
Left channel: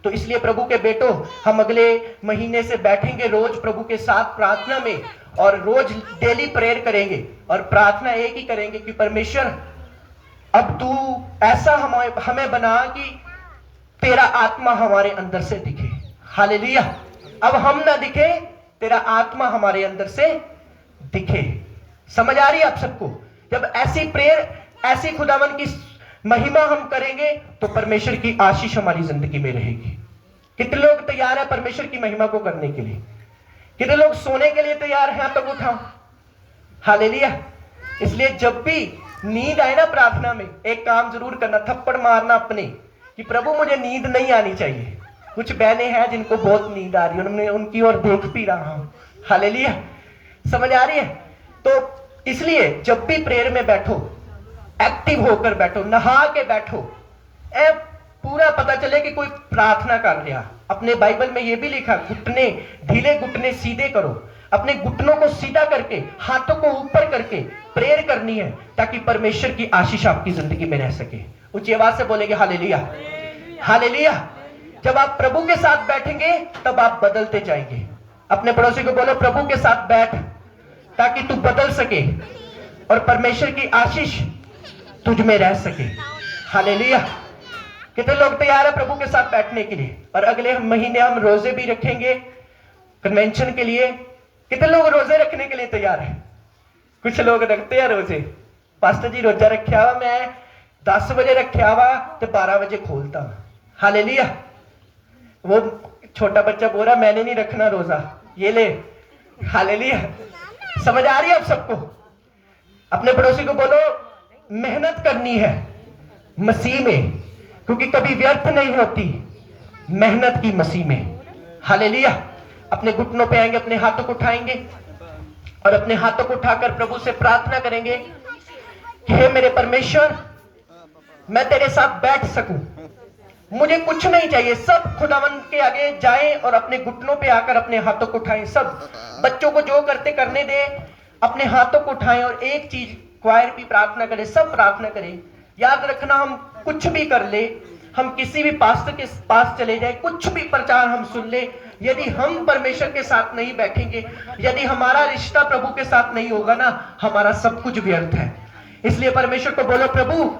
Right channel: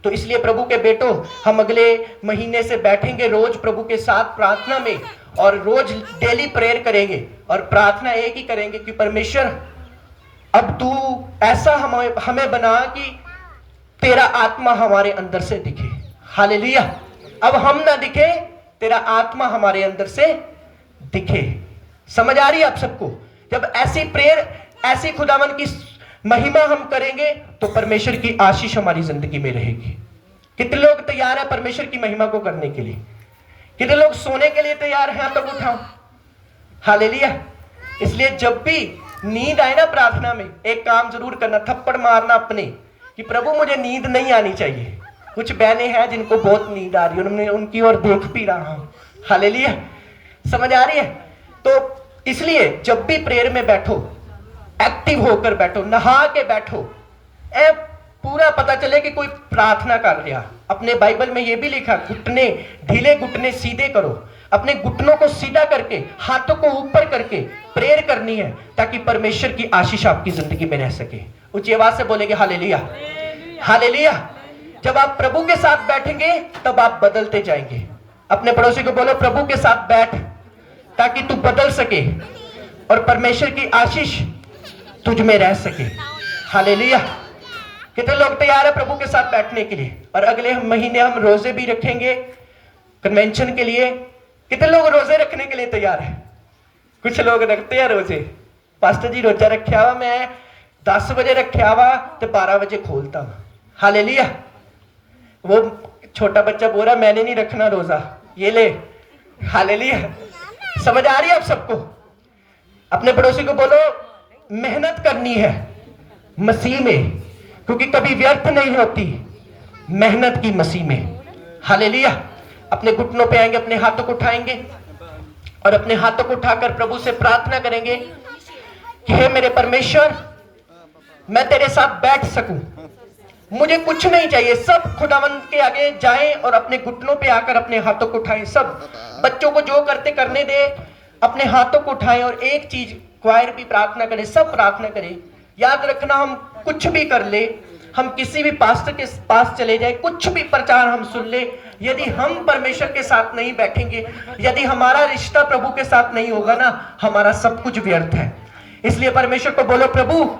तो इसलिए प्रभु के बेटों, हम अगले महीने से बैठेंगे रोज प्रभु के साथ प्रार्थना में और रोज डेली प्रेयर करेंगे और प्रार्थना एक ही करेंगे कि परमेश्वर अब तू ऐसा हमें बना कि तेरा आत्मा हमारे अंदर से दिखे। हालेलुया। अब हम ना दिखे, तेरा आत्मा हमारे अंदर से दिखे। समझ आ रही है आप सबको? जब ऐसी प्रेयर, ऐसी खुदावन की महिमा हम करेंगे तो परमेश्वर की आशीष हमारी जिंदगी में रहेगी। कितने लोग तैयार हैं परमेश्वर की महिमा को करने के लिए? कितने लोग सोने के लिए तैयार हैं? तब उठाओ। हालेलुया। इसलिए जब भी नींद आए ना प्रार्थना में, एक काम जरूर करना, थप्पड़ मारना अपने कि प्रभु मुझे नींद नहीं आनी चाहिए। कुछ बहनें हैं जिनको बहुत नींद आ रही है, उन्हें उनकी ओर देख भी रहा हूं। हालेलुया। समझ आ रही है? तो इसलिए जब भी प्रेयर में बैठो, एक्टिव होकर बैठो, नहा के बैठो। पूरा पता चले कि कोई प्रार्थना कर रहा। अपने बाइबल में यह भी लिखा, घुटने ढीले, घुटने सीधे करो। अपने घुटनों को सीधा करके, हाथों को ऊपर करके प्रेयर करनी है ताकि परमेश्वर की आशीष आपकी जिंदगी में रह सके। ऊंची आवाज से बोलेंगे हालेलुया, हालेलुया। जब आप प्रभु के साथ बैठेंगे तब आप बदलते जाएंगे। अपने पड़ोसी को बोलो, प्रभु के साथ बैठ ताकि तू बदल सके और परमेश्वर की आशीष तुझ में रह सके। हालेलुया। कितने लोग तैयार है प्रभु के साथ बैठने के लिए? और अगले महीने हम रोजे भी रखेंगे कन्वेंशन के लिए। कितने लोग रोजे रखने के लिए तैयार है? कुछ लोग रखते हैं रोजे। पास्टर जी रोजा रखा हुआ, मैं 10 बजे रखा हुआ तो 12 बजे खोलता हूं। हालेलुया। वो छोटा बच्चा बोल रहा मैंने नहीं रखना रोजा, ये ले। हालेलुया। समझ आ रही है आप सबको? अपने पड़ोसी को बोलो, मेहनत करनी है मसीह में, क्योंकि कभी व्यर्थ नहीं होती मेहनत की मसीह में। हालेलुया। अपने घुटनों पे आएंगे, अपने हाथों को उठाएंगे और अपने हाथों को उठाकर प्रभु से प्रार्थना करेंगे कि हे मेरे परमेश्वर, मैं तेरे साथ बैठ सकूं। मुझे कुछ नहीं चाहिए, सब खुदावन के आगे जाएं और अपने घुटनों पे आकर अपने हाथों को उठाएं। सब बच्चों को जो करते करने दे, अपने हाथों को उठाएं और एक चीज, क्वायर भी प्रार्थना करें, सब प्रार्थना करें। याद रखना, हम कुछ भी कर ले, हम किसी भी पास्टर के पास चले जाए, कुछ भी प्रचार हम सुन ले, यदि हम परमेश्वर के साथ नहीं बैठेंगे, यदि हमारा रिश्ता प्रभु के साथ नहीं होगा ना, हमारा सब कुछ व्यर्थ है। इसलिए परमेश्वर को बोलो, प्रभु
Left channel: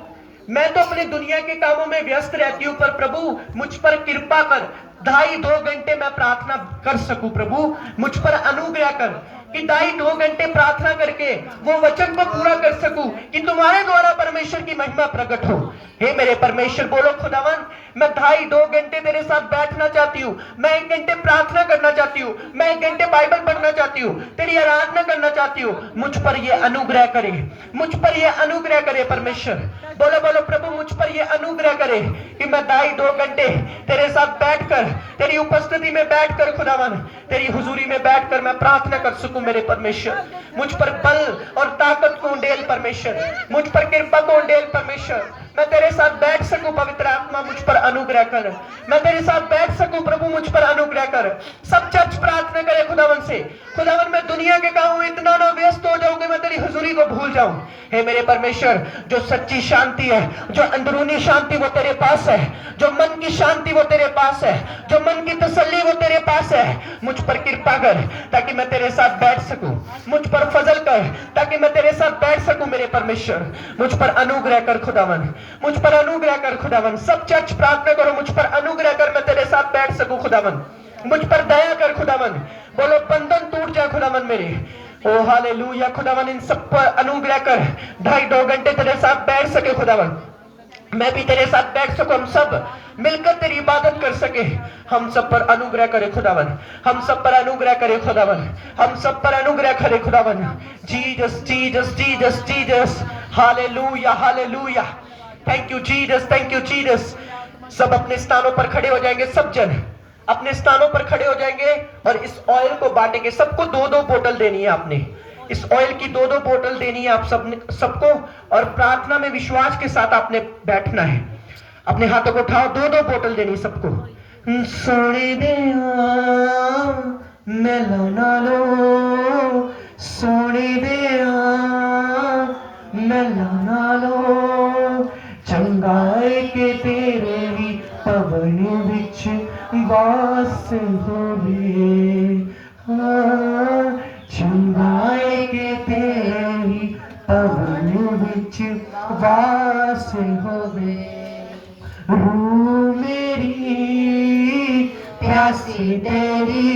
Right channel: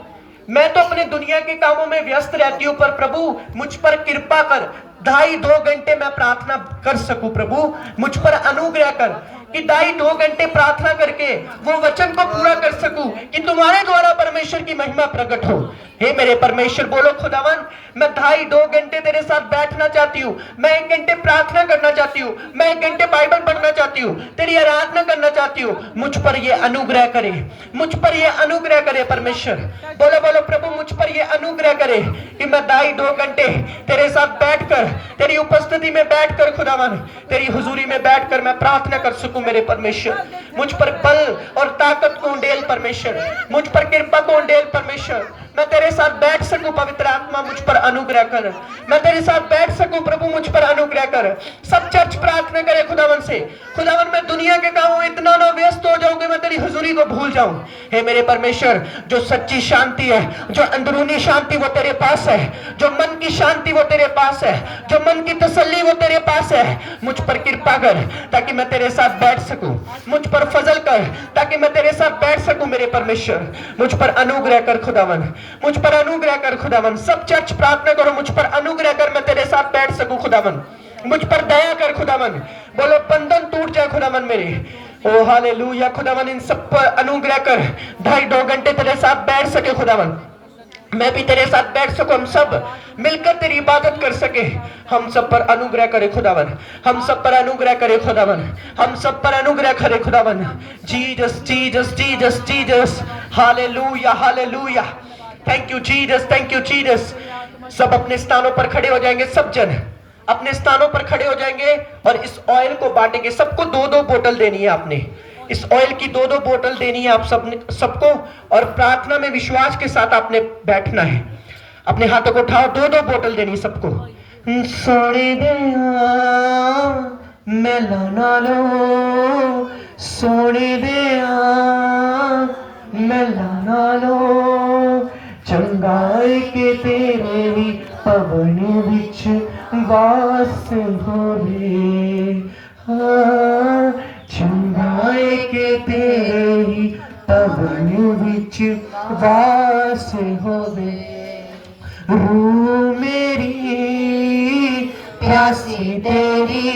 मैं तो अपनी दुनिया के कामों में व्यस्त रहती हूं, पर प्रभु मुझ पर कृपा कर, 2.5 घंटे मैं प्रार्थना कर सकूं। प्रभु मुझ पर अनुग्रह कर कि 2.5 घंटे प्रार्थना करके वो वचन को पूरा कर सकूं कि तुम्हारे द्वारा परमेश्वर की महिमा प्रकट हो। हे मेरे परमेश्वर, बोलो खुदावन, मैं 2.5 घंटे तेरे साथ बैठना चाहती हूँ, मैं 1 घंटे प्रार्थना करना चाहती हूँ, मैं 1 घंटे बाइबल पढ़ना चाहती हूँ, तेरी आराधना करना चाहती हूँ। मुझ पर ये अनुग्रह करे, मुझ पर ये अनुग्रह करे परमेश्वर। बोलो बोलो, प्रभु मुझ पर ये अनुग्रह करे कि मैं 2.5 घंटे तेरे साथ बैठकर, तेरी उपस्थिति में बैठकर खुदावन, तेरी हुजूरी में बैठकर मैं प्रार्थना कर सकूं। मेरे परमेश्वर, मुझ पर बल और ताकत को उंडेल परमेश्वर, मुझ पर कृपा को उंडेल परमेश्वर। मैं तेरे साथ बैठ सकूं, पवित्र आत्मा मुझ पर अनुग्रह कर। मैं तेरे साथ बैठ सकूं, प्रभु मुझ पर अनुग्रह कर। सब चर्च प्रार्थना करे खुदावन से, खुदावन मैं दुनिया के कामों में इतना ना व्यस्त हो जाऊं कि मैं तेरी हुजूरी को भूल जाऊं। हे मेरे परमेश्वर, जो सच्ची शांति है, जो अंदरूनी शांति वो तेरे पास है, जो मन की शांति वो तेरे पास है, जो मन की तसल्ली वो तेरे पास है। मुझ पर कृपा कर ताकि मैं तेरे साथ बैठ सकूं, मुझ पर फजल कर ताकि मैं तेरे साथ बैठ सकूं। मेरे परमेश्वर, मुझ पर अनुग्रह कर खुदावन, मुझ पर अनुग्रह कर खुदावन। सब चर्च प्रार्थना करो, मुझ पर अनुग्रह कर, मैं तेरे साथ बैठ सकूं खुदावन। मुझ पर दया कर खुदावन। बोलो बंधन टूट जाए खुदावन मेरे, ओ हालेलुया खुदावन, इन सब पर अनुग्रह कर, 2.5 घंटे तेरे साथ बैठ सके खुदावन, मैं भी तेरे साथ बैठ सकूं, हम सब मिलकर तेरी इबादत कर सके। हम सब पर अनुग्रह करे खुदावन, हम सब पर अनुग्रह करे खुदावन, हम सब पर अनुग्रह करे खुदावन। Jesus Jesus Jesus Jesus, hallelujah hallelujah, thank you Jesus, thank you Jesus. सब अपने स्थानों पर खड़े हो जाएंगे, सब जन अपने स्थानों पर खड़े हो जाएंगे और इस ऑयल को बांटेंगे। सबको 2-2 बोतल देनी है आपने, इस ऑयल की 2-2 बोतल देनी है आप सबको, और प्रार्थना में विश्वास के साथ आपने बैठना है। अपने हाथों को उठाओ, 2-2 बोतल देनी है सबको। सोने दे मेला नालो, सोने दे मेला नालो, चंगाई के तेरे ही पवन विच वास होवे, चंगाई के तेरे ही पवन विच वास होवे। रूह मेरी प्यासी तेरी,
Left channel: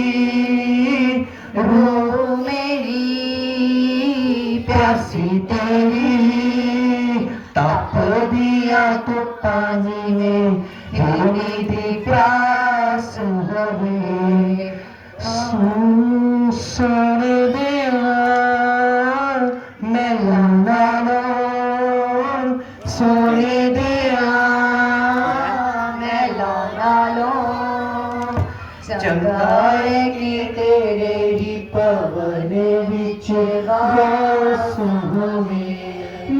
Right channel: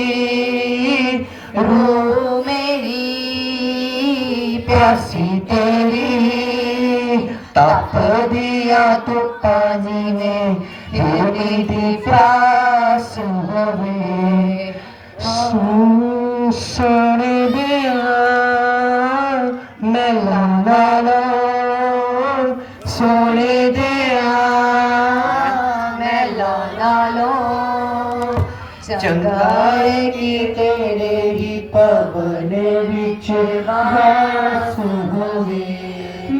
रूह मेरी प्यासी तेरी, तप दिया तो पानी में होने दी प्यास हवे। सुन दिया मेला नालो, सुन दिया मेला नालो, चंगाई की तेरे ही पवन विच वास होवे।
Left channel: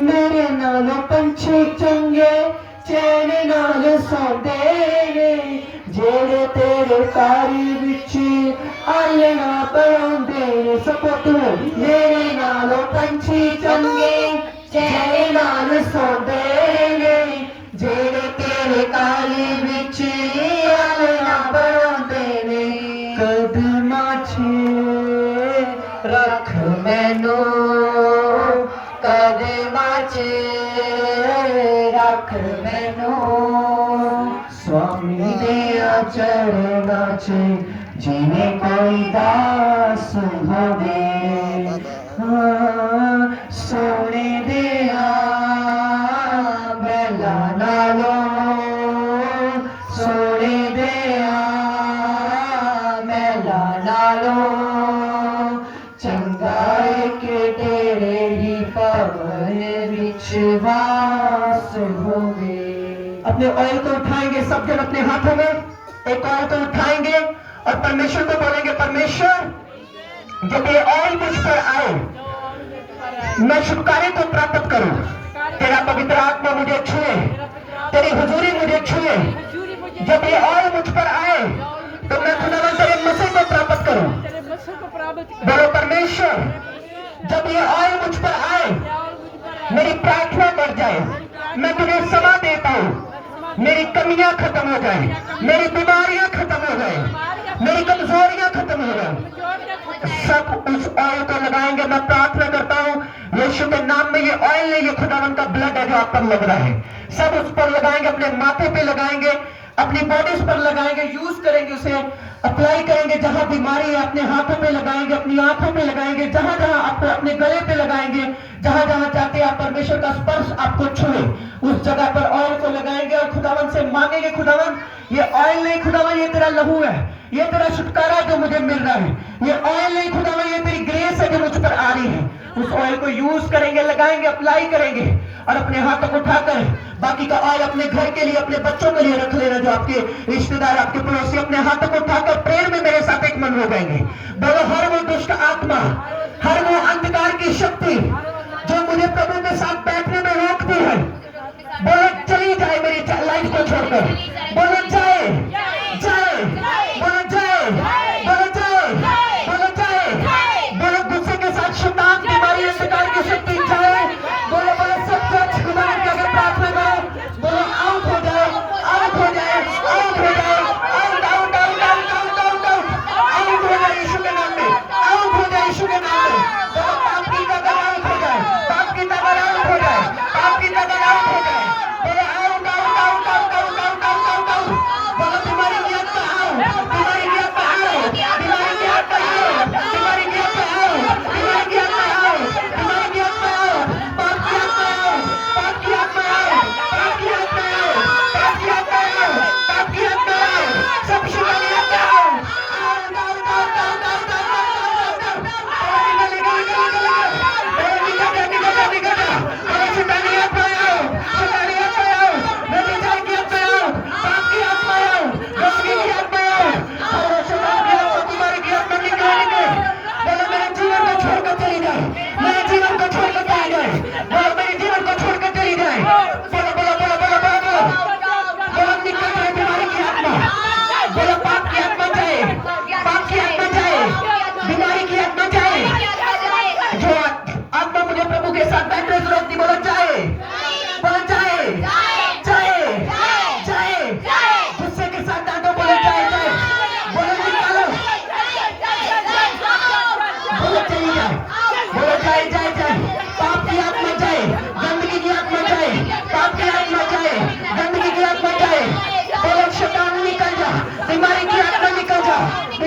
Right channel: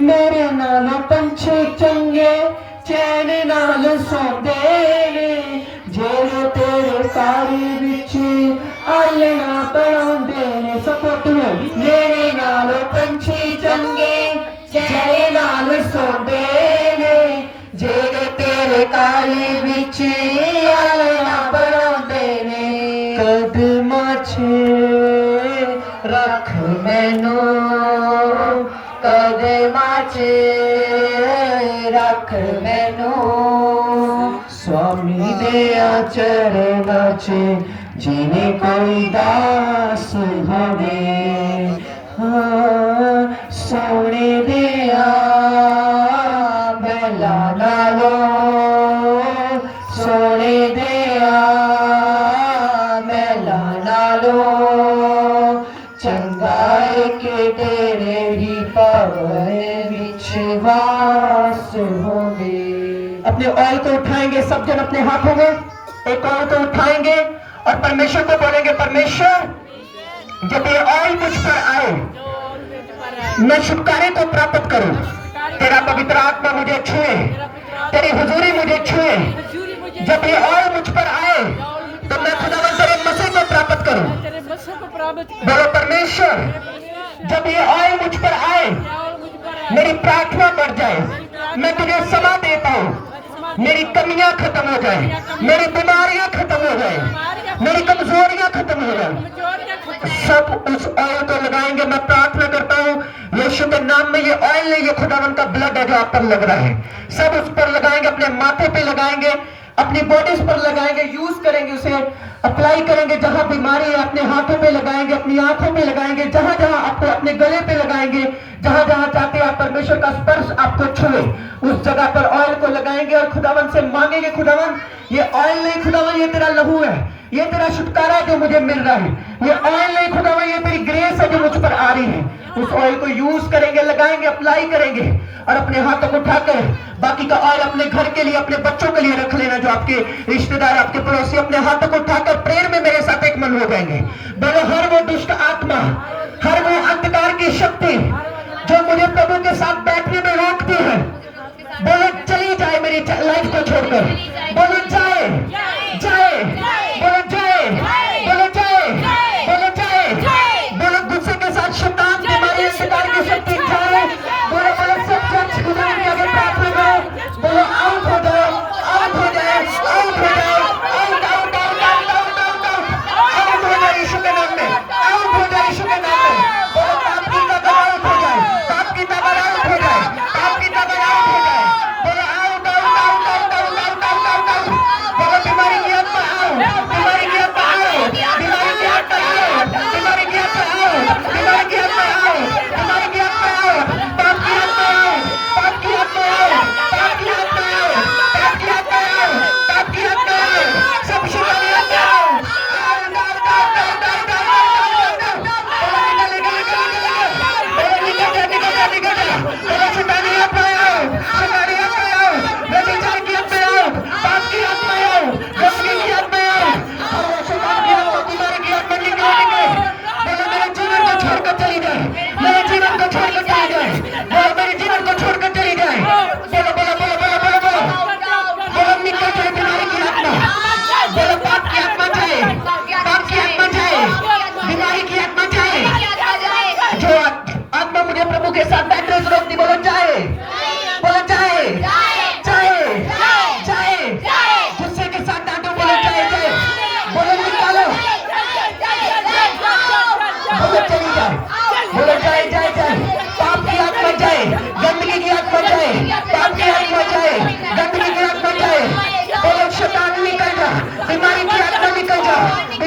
मेरे नालों पंछी चंगे चैन नाल सौंदे ने, जेड़े तेरे कारी विच आलना बनाउंदे ने। सपोर्ट मेरे नालों पंछी चंगे चैन नाल सौंदे ने, जेड़े तेरे कारी विच आलना बनाउंदे ने। कदमां च रख मैनू, कदमां च रख मैनू, स्वामी दे चरणां च जिवें कोई दास होवे। सोने दिया मेला नालो, सोने दिया मेला नालो, चंगाई के तेरे ही पवन विच वास होवे। अपने ऑयल को उठाएंगे सब जन, अपने हाथों में एक ऑयल को उठाएंगे और परमेश्वर को बोलेंगे, परमेश्वर जब ये ऑयल मुझ पर आए, मैं छुटकारे को प्राप्त करूं, तेरा पवित्र आत्मा मुझे छुए, तेरी हुजूरी मुझे छुए। जब ये ऑयल मुझ पर आए तो मैं खुदावंद तेरे मसीह को प्राप्त करूं। बोलो परमेश्वर, जब ये ऑयल मुझ पर आए, मेरी प्रार्थना बढ़ जाए, मैं तुझे समा देता हूं, मेरी कमियां खत्म हो जाए, मेरी बीमारियां खत्म हो जाए, मेरी कमजोरियां खत्म हो जाए। सब उस ऑयल को लगाएंगे। मैं प्रार्थना करता हूँ यीशु के नाम में, ये ऑयल नहीं, ये खुदावंद का ब्लड है जो आप पर लग रहा है। सब उस पर लगाएंगे, अपने माथे पे लगाएंगे, अपनी बॉडीज पर लगाएंगे, यूज करेंगे, उसे अप्लाई करेंगे। जहां बीमारी है अपने हाथों पे लगाएंगे, अपनी आंखों पे लगाएंगे, जहां जहां आपको अपने गले पे लगाएंगे, जहां जहां चाहते हैं आप परमेश्वर का स्पर्श आपको छुए, उस जगह पर ऑयल को लगाएंगे और खुदावंद से मांगेंगे, खुदावंद ये ऑयल नहीं, खुदावंद ये तेरा लहू है, ये तेरा छुटकारा जो मुझे मिल रहा है, ये ऑयल नहीं खुदावंद, ये तेरी ग्रेस है जो मुझ पर आ रही है। उस ऑयल को यूज करेंगे, लगाएंगे, अप्लाई करेंगे और अपने हाथों को उठाकर बाकी का ऑयल अपने घर के लिए, अपने बच्चों के लिए रख लेना, जो आपके रिश्तेदार, आपके पड़ोसी। अपने हाथों को उठाकर प्रेयर में मेरे साथ एक मन हो जाएंगे। बोलो, हर वो दुष्ट आत्मा, हर वो अंधकार की शक्ति जो मुझे प्रभु के साथ बैठने में रोकती है, बोलो चली जाए मेरी लाइफ को छोड़कर। बोलो जाए, जाए, बोलो जाए, बोलो जाए, बोलो जाए, बोलो गुस्से के साथ शैतान, बीमारी, अंधकार की शक्ति जाए। बोलो बोलो सब चर्च खुदा के आगे प्रार्थना करो। बोलो आउट हो जाए, आउट हो जाए, आउट हो जाए, out out out out out out out out हो जाए यीशु के नाम में।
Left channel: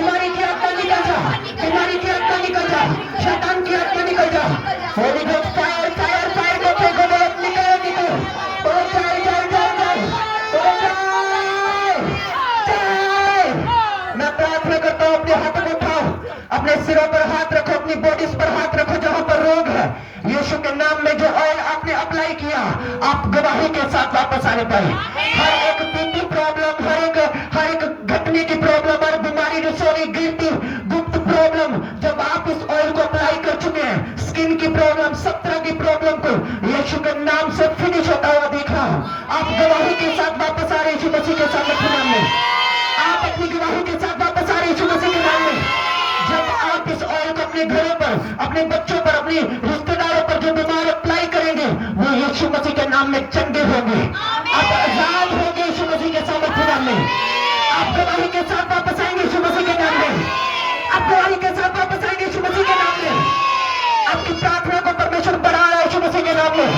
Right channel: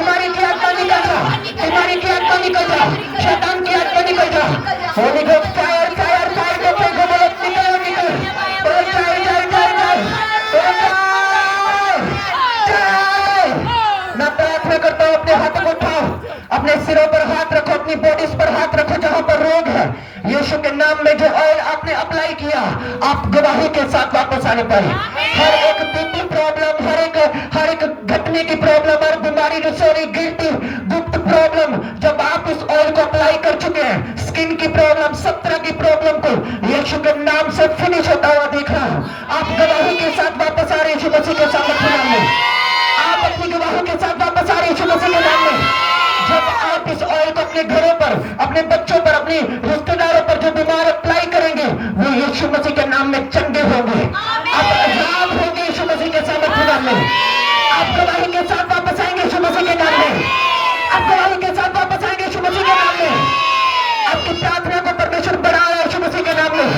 बीमारी की आत्मा निकल जा, बीमारी की आत्मा निकल जा, शैतान की आत्मा निकल जा। Holi ghost fire fire fire को फेंको, बोलो निकलो निकलो, बोलो जाए जाए जाए जाए, बोलो जाए जाए। मैं प्रार्थना करता हूँ, अपने हाथों को उठाओ, अपने सिरों पर हाथ रखो, अपनी बॉडीज पर हाथ रखो जहां पर रोग है। यीशु के नाम में जो ऑयल आपने अप्लाई किया, आप गवाही के साथ वापस आने पाए। हर एक बीपी प्रॉब्लम, हर एक घटने की प्रॉब्लम, हर बीमारी रसोरी गिरती गुप्त प्रॉब्लम, जब आप इस ऑयल को अप्लाई कर चुके हैं, स्किन की प्रॉब्लम, सब तरह की प्रॉब्लम को यीशु के नाम से फिनिश होता हुआ देख रहा हूं। आप गवाही के साथ वापस आ रहे यीशु मसीह के सामर्थ्य नाम में, आप अपनी गवाही के साथ वापस आ रहे यीशु मसीह के नाम में। जब आप इस ऑयल को अपने घरों पर, अपने बच्चों पर, अपने रिश्तेदारों पर जो बीमार अप्लाई करेंगे, वो यीशु मसीह के नाम में चंगे होंगे, आप आजाद होंगे यीशु मसीह के सामर्थ्य नाम में। आप गवाही के साथ वापस आएंगे यीशु मसीह के नाम में, आप गवाही के साथ वापस आएंगे यीशु मसीह के नाम में। आपकी प्रार्थना को परमेश्वर बढ़ा रहा है यीशु मसीह के नाम में,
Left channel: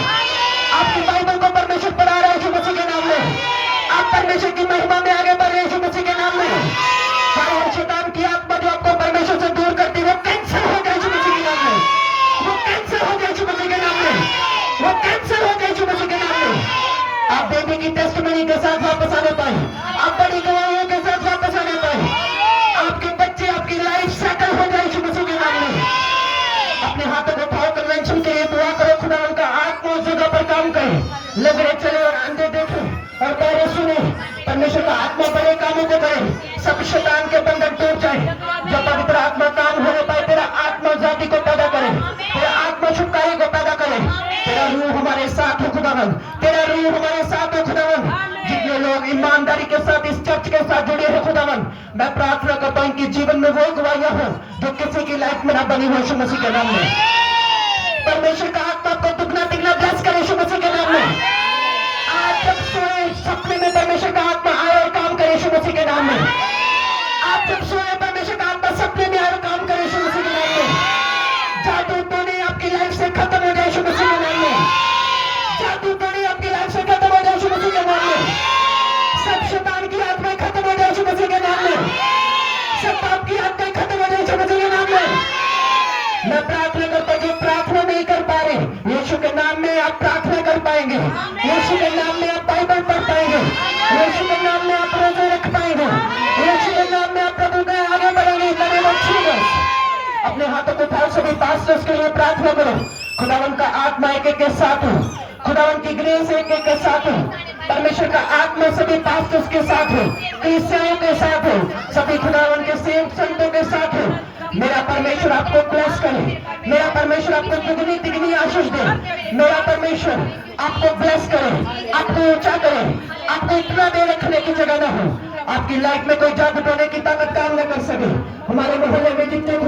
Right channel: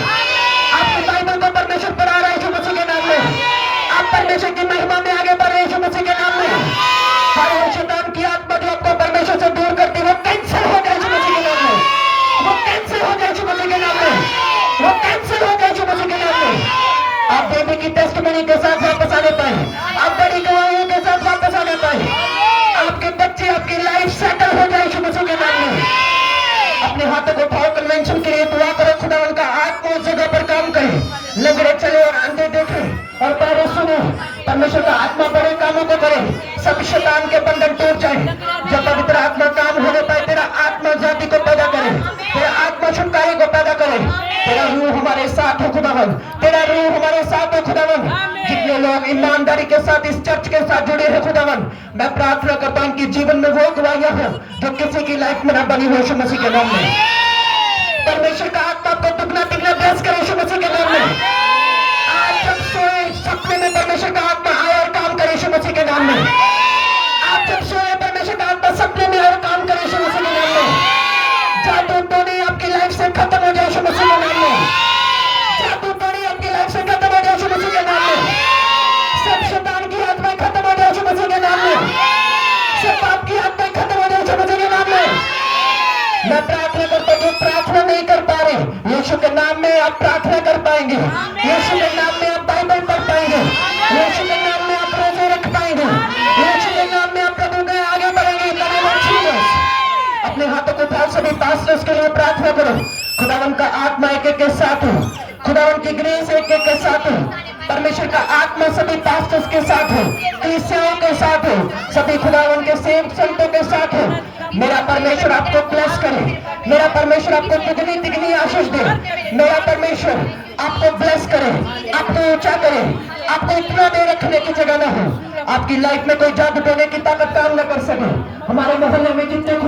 आपकी बाइबल को परमेश्वर बढ़ा रहा है यीशु मसीह के नाम में। आप परमेश्वर की महिमा में आगे बढ़ रहे यीशु मसीह के नाम में। हर शैतान की आत्मा जो आपको परमेश्वर से दूर करती है, वो कैंसिल हो जाए यीशु मसीह के नाम में, वो कैंसिल हो जाए यीशु मसीह के नाम में, वो कैंसिल हो जाए यीशु मसीह के नाम में। आप बेबी की टेस्टिमनी के साथ वापस आने पाए, आप बड़ी गवाहियों के साथ वापस आने पाए, आपके बच्चे, आपकी लाइफ सेटल हो जाए यीशु मसीह के नाम में। अपने हाथों को उठाओ, कन्वेंशन के लिए दुआ करो, खुदा उनका आत्मा उस जगह पर काम करे, लंगड़े चले और अंधे देखे और बहरे सुने। परमेश्वर का आत्मा बड़े कामों को करे, सब शैतान के बंधन टूट जाए। जब पवित्र आत्मा काम होने पाए, तेरा आत्मा जाति को पैदा करे, तेरा आत्मा छुटकारे को पैदा करे। तेरा रूह हमारे साथ हो खुदावन, तेरा रूह हमारे साथ हो खुदावन। जितने लोग ईमानदारी के साथ इस चर्च के साथ जुड़े हैं खुदावन, मैं प्रार्थना करता हूं कि जीवन में वो गवाहियां हो जो किसी की लाइफ में ना बनी हो यीशु मसीह के नाम में। परमेश्वर का आत्मा आपको दुगना तिगना ब्लेस करे यीशु मसीह के नाम में। आज जब सोए सपने में परमेश्वर का आत्मा आए और काम करे यीशु मसीह के नाम में। आप जब सोए परमेश्वर का आत्मा सपने में आए और काम करे यीशु मसीह के नाम में। जादू टोने आपकी लाइफ से खत्म हो जाए यीशु मसीह के नाम में, जादू टोने आपकी लाइफ से खत्म हो जाए यीशु मसीह के नाम में। सब शैतान की आत्माएं खत्म हो जाए यीशु मसीह के नाम में, सब पाप की आत्माएं खत्म हो जाए यीशु मसीह के नाम में। मैं प्रार्थना करता हूँ, जो प्रार्थना नहीं कर पा रहे, यीशु के नाम में आप प्रार्थना कर पाएंगे, यीशु के नाम में आप बाइबल पढ़ पाएंगे, यीशु के नाम में आप रोजे रख पाएंगे, यीशु के नाम में आप प्रभु के आगे बढ़ेंगे। अपने हाथों को उठाओ, सभी पास्टर्स के लिए प्रार्थना करो। खुदावन का आत्मा एक एक के साथ हो, खुदावन की ग्रेस एक एक के साथ हो, परमेश्वर का आत्मा सभी पास्टर्स के साथ हो, क्रिश्चियनों के साथ हो, सभी खुदावन के सेवक संतों के साथ हो। मेरा परमेश्वर आपको ब्लेस करे, मेरा परमेश्वर आपको दुगनी तिगनी आशीष दे, मेरा परमेश्वर आपको ब्लेस करे, आपको ऊंचा करे, आपको इतना दे रखने की जगह ना हो, आपकी लाइफ में कोई जादू टोने की ताकत काम न कर सके। हमारे मोहल्ले में जितने